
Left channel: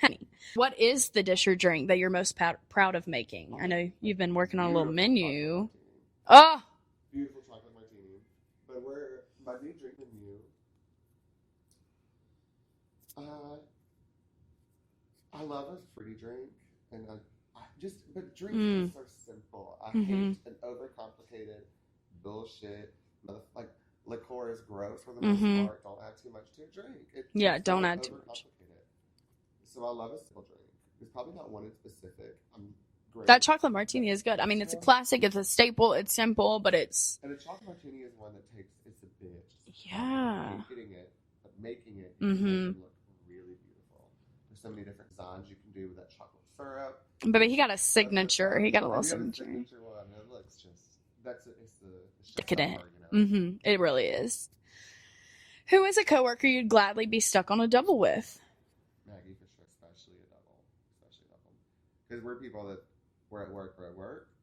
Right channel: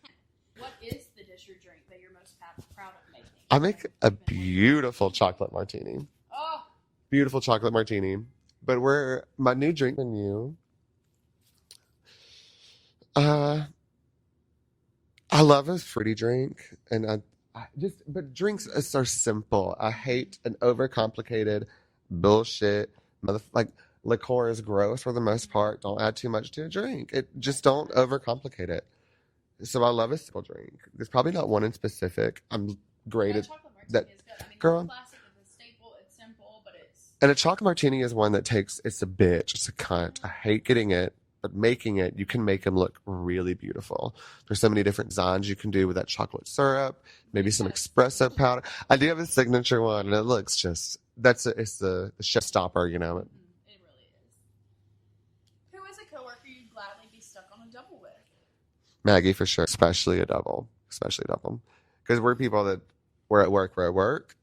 Honey, what is the dish or drink that you're most proud of making? I know make you've been working on a little beautiful menu. chocolate martini. Oh, Beautiful chocolate martini. But my new drink menu. I love a fruity drink, and but drinks are simple. I hate an overcomplicated bullshit. Like, liqueur is gross for the most part. Don't add too much to a drink. Just don't don't add too overcomplicate it. So I love a simple drink. There's probably not one in specific. I'm great. that chocolate martini is good. I mean, it's Girl. a classic. It's a staple. It's simple, but it's And a chocolate martini is one that it's a bitch. It's a cunt. I Yeah. hate getting it, but making it, you can make them look really beautiful. There's so many different designs you can do with that chocolate syrup. But maybe he some got a espresso signature. powder. He got a I do little have a signature one, and it looks just it's the ship Decadent. stopper, you know. It really is. Who is a coworker you'd gladly be stuck on a double with? Maggie for sure, especially a double, because we're people that we're at work.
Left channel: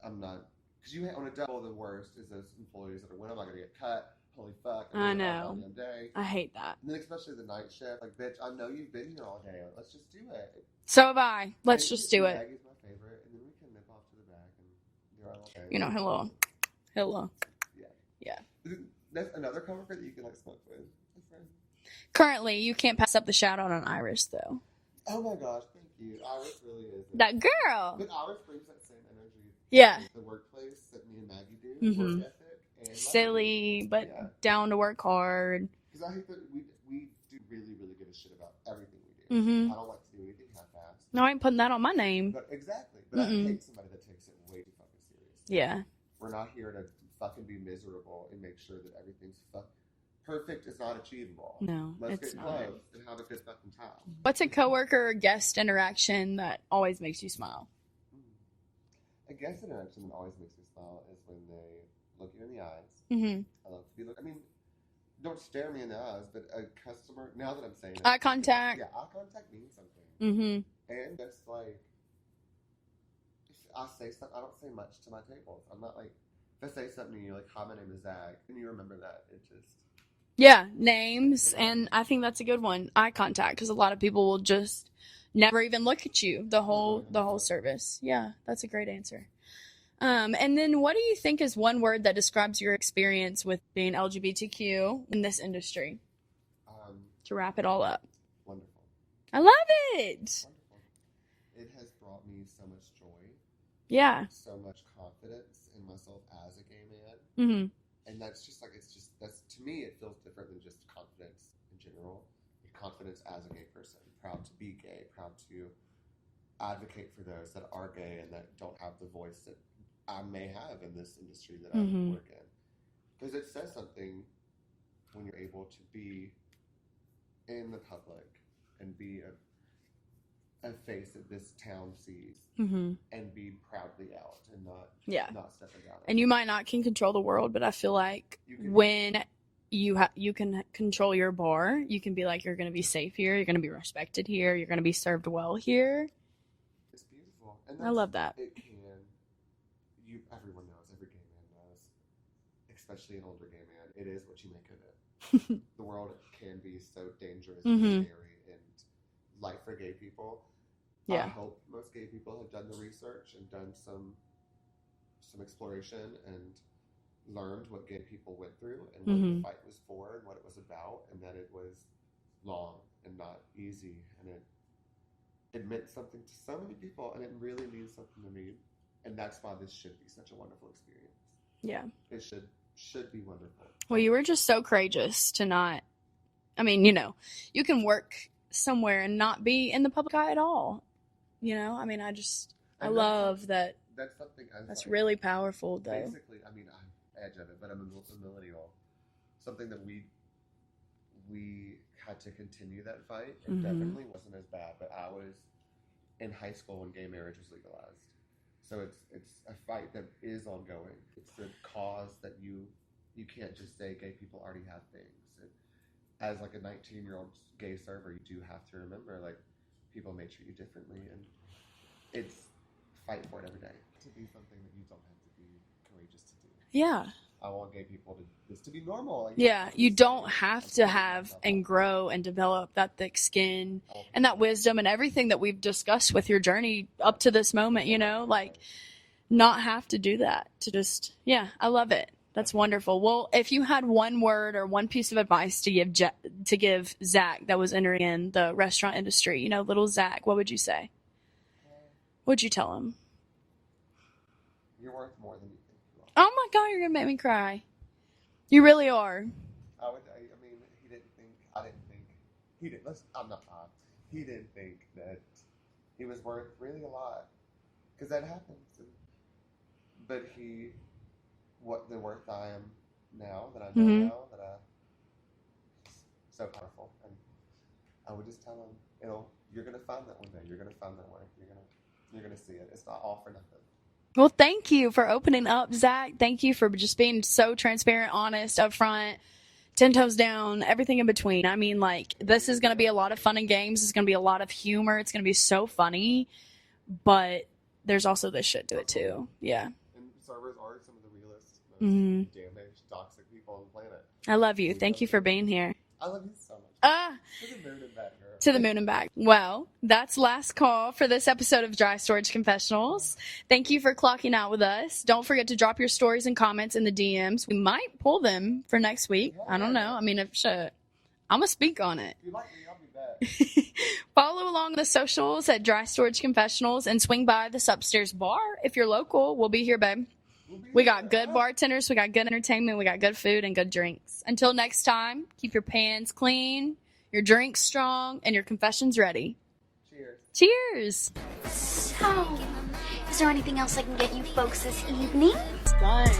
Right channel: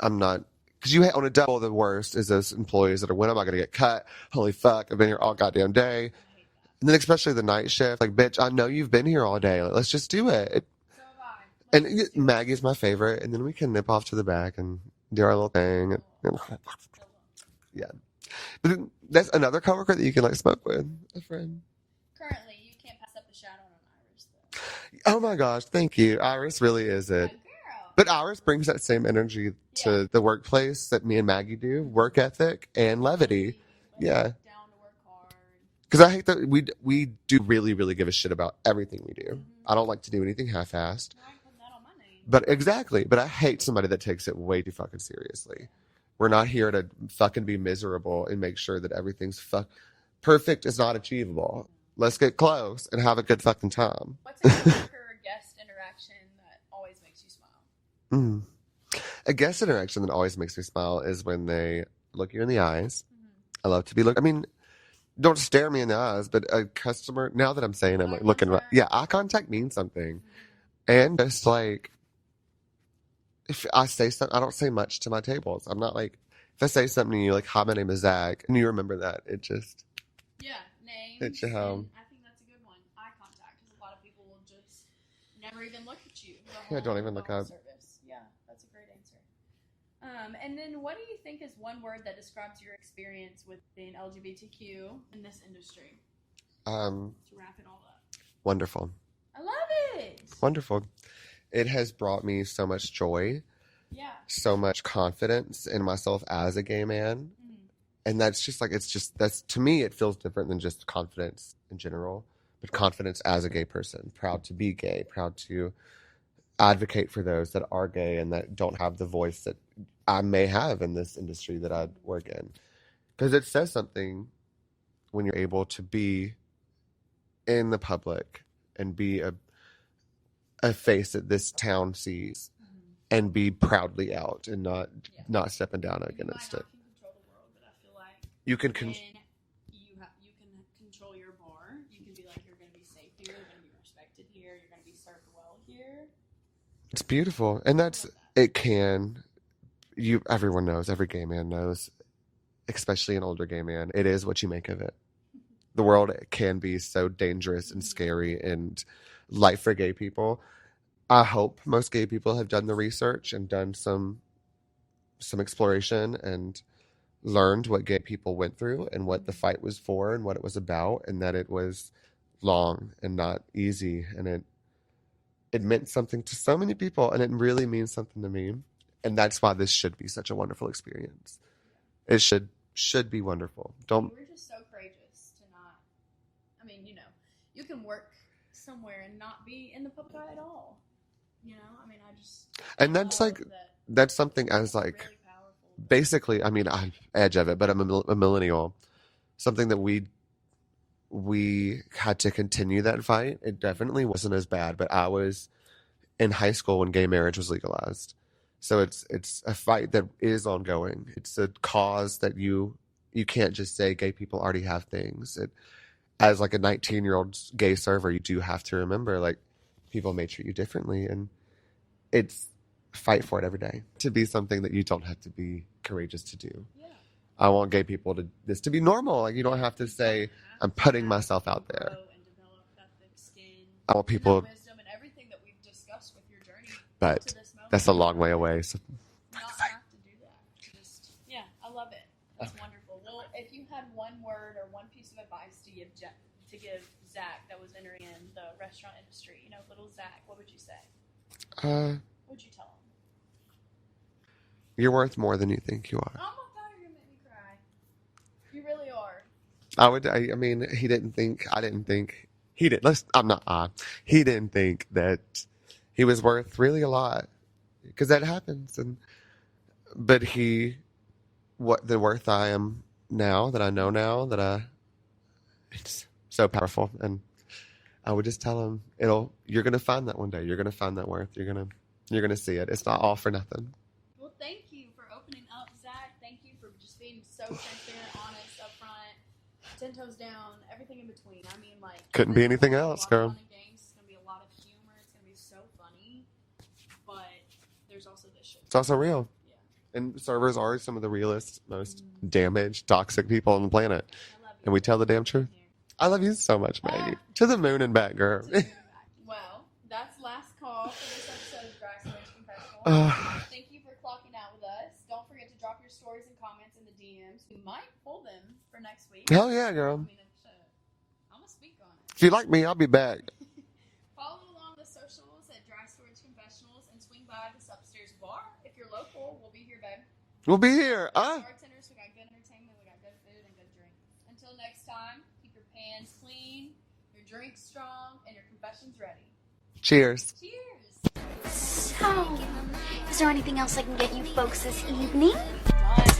I'm not. Because on a double, the worst is those employees that are, when am I going to get cut? Holy fuck, I've been I here all know. goddamn day. I hate that. And then especially the night shift. Like, bitch, I know you've been here all day. Like, let's just do it. So have I. Let's just do it. Maggie's my favorite. And then we can nip off to the back and do our little thing. Hello. Yeah. Yeah. But then that's another coworker that you can, like, smoke with. A friend. Currently, you can't pass up the shout out on Iris, though. Oh my gosh, thank you. Iris really is it. That girl. But Iris brings that same energy Yeah. to the workplace that me and Maggie do. Work ethic and levity. Silly, but Yeah. down to work hard. Because I hate that we do really, really give a shit about everything we do. Mm-hmm. I don't like to do anything half-assed. No, I ain't putting that on my name. But exactly. But I hate somebody that takes it way too fucking seriously. Yeah. We're not here to fucking be miserable and make sure that everything's perfect is not achievable. No, Let's it's get not. close and have a good fucking time. What's a coworker or guest interaction that always makes you smile? Mm. A guest interaction that always makes me smile is when they look you in the eyes. Mm-hmm. I love to be looked. I mean, don't stare me in the eyes, but a customer, now that I'm saying it, Eye I'm looking, contact. yeah, eye contact means something. Mm-hmm. And just like, if I say something, I don't say much to my tables. I'm not like, if I say something to you, like, hi, my name is Zack, and you remember that, it just. Yeah, names, It's, and I think that's a good one. Eye contact, because a lot of people will just never even look at you the don't whole even look up. service. Yeah, that's a great answer. And then what do you think is one word that describes your experience with being LGBTQ in this industry? To wrap it all up. Wonderful. I love it. Wonderful. It has brought me so much joy, Yeah. so much confidence in myself as a gay man. Mm-hmm. And that's just like, that's, to me, it feels different than just confidence in general, but confidence as a gay person, proud to be gay, proud to advocate for those that are gay and that don't have the voice that I may have in this industry that I work in. Because it says something when you're able to be in the public and be a face that this town sees and be proudly out and not stepping down. And you might not can control the world, but I feel like you can control your bar. You can be like, you're going to be safe here. You're going to be respected here. You're going to be served well here. It's beautiful. And I love that. Everyone knows, every gay man knows, especially an older gay man, it is what you make of it. The world can be so dangerous and scary, and life for gay people. Yeah. I hope most gay people have done the research and done some exploration and learned what gay people went through and what the fight was for and what it was about, and that it was long and not easy, and it meant something to so many people, and it really means something to me. And that's why this should be such a wonderful experience. Yeah. It should be wonderful. Well, you were just so courageous to not, I mean, you can work somewhere and not be in the public eye at all. I mean, I love that. That's something as that's really powerful. Though. Basically, I mean, I'm edge of it, but I'm a millennial. Something that we had to continue that fight. It definitely wasn't as bad, but I was in high school when gay marriage was legalized. So it's a fight that is ongoing. It's a cause that you can't just say gay people already have things. As like a 19-year-old gay server, you do have to remember, like, people may treat you differently, and it's fight for it every day to be something that you don't have to be courageous to do. Yeah. I want gay people to be normal. Like, you don't have to I'm putting myself out and grow there. And develop that thick skin and that wisdom and everything that we've discussed with your journey up to this moment. That's a long way away. So. Not have to do that. To just, I love it. That's wonderful. Well, if you had one word or one piece of advice to give Zack that was entering in the restaurant industry, little Zack, what would you say? What'd you tell him? You're worth more than you think you are. Oh my God, you're gonna make me cry. You really are. I mean, he didn't think that he was worth really a lot, because that happens. But the worth I am now, that I know now, that it's so powerful. And I would just tell him, you're going to find that one day. You're going to find that worth. You're going to see it. It's not all for nothing. Well, thank you for opening up, Zack. Thank you for just being so transparent, honest, upfront, 10 toes down, everything in between. I mean, like, this is going to be a lot of fun and games. It's going to be a lot of humor. It's going to be so funny. But there's also this shit. It's also too. real. Yeah. And servers are some of the realest, most damaged, toxic people on the planet. I love you. Thank you for being here. I love you so much, Maggie. To the moon and back, girl. To the moon and back. Well, that's last call for this episode of Dry Storage Confessionals. Thank you for clocking out with us. Don't forget to drop your stories and comments in the DMs. We might pull them for next week. I don't know. I mean, I'm going to speak on it. If you like me, I'll be back. Follow along the socials at Dry Storage Confessionals and swing by this upstairs bar. If you're local, we'll be here, babe. We'll be here. We got good bartenders, we got good entertainment, we got good food and good drinks. Until next time, keep your pans clean, your drinks strong, and your confessions ready. Cheers. Cheers. So, is there anything else I can get you folks this evening? Done.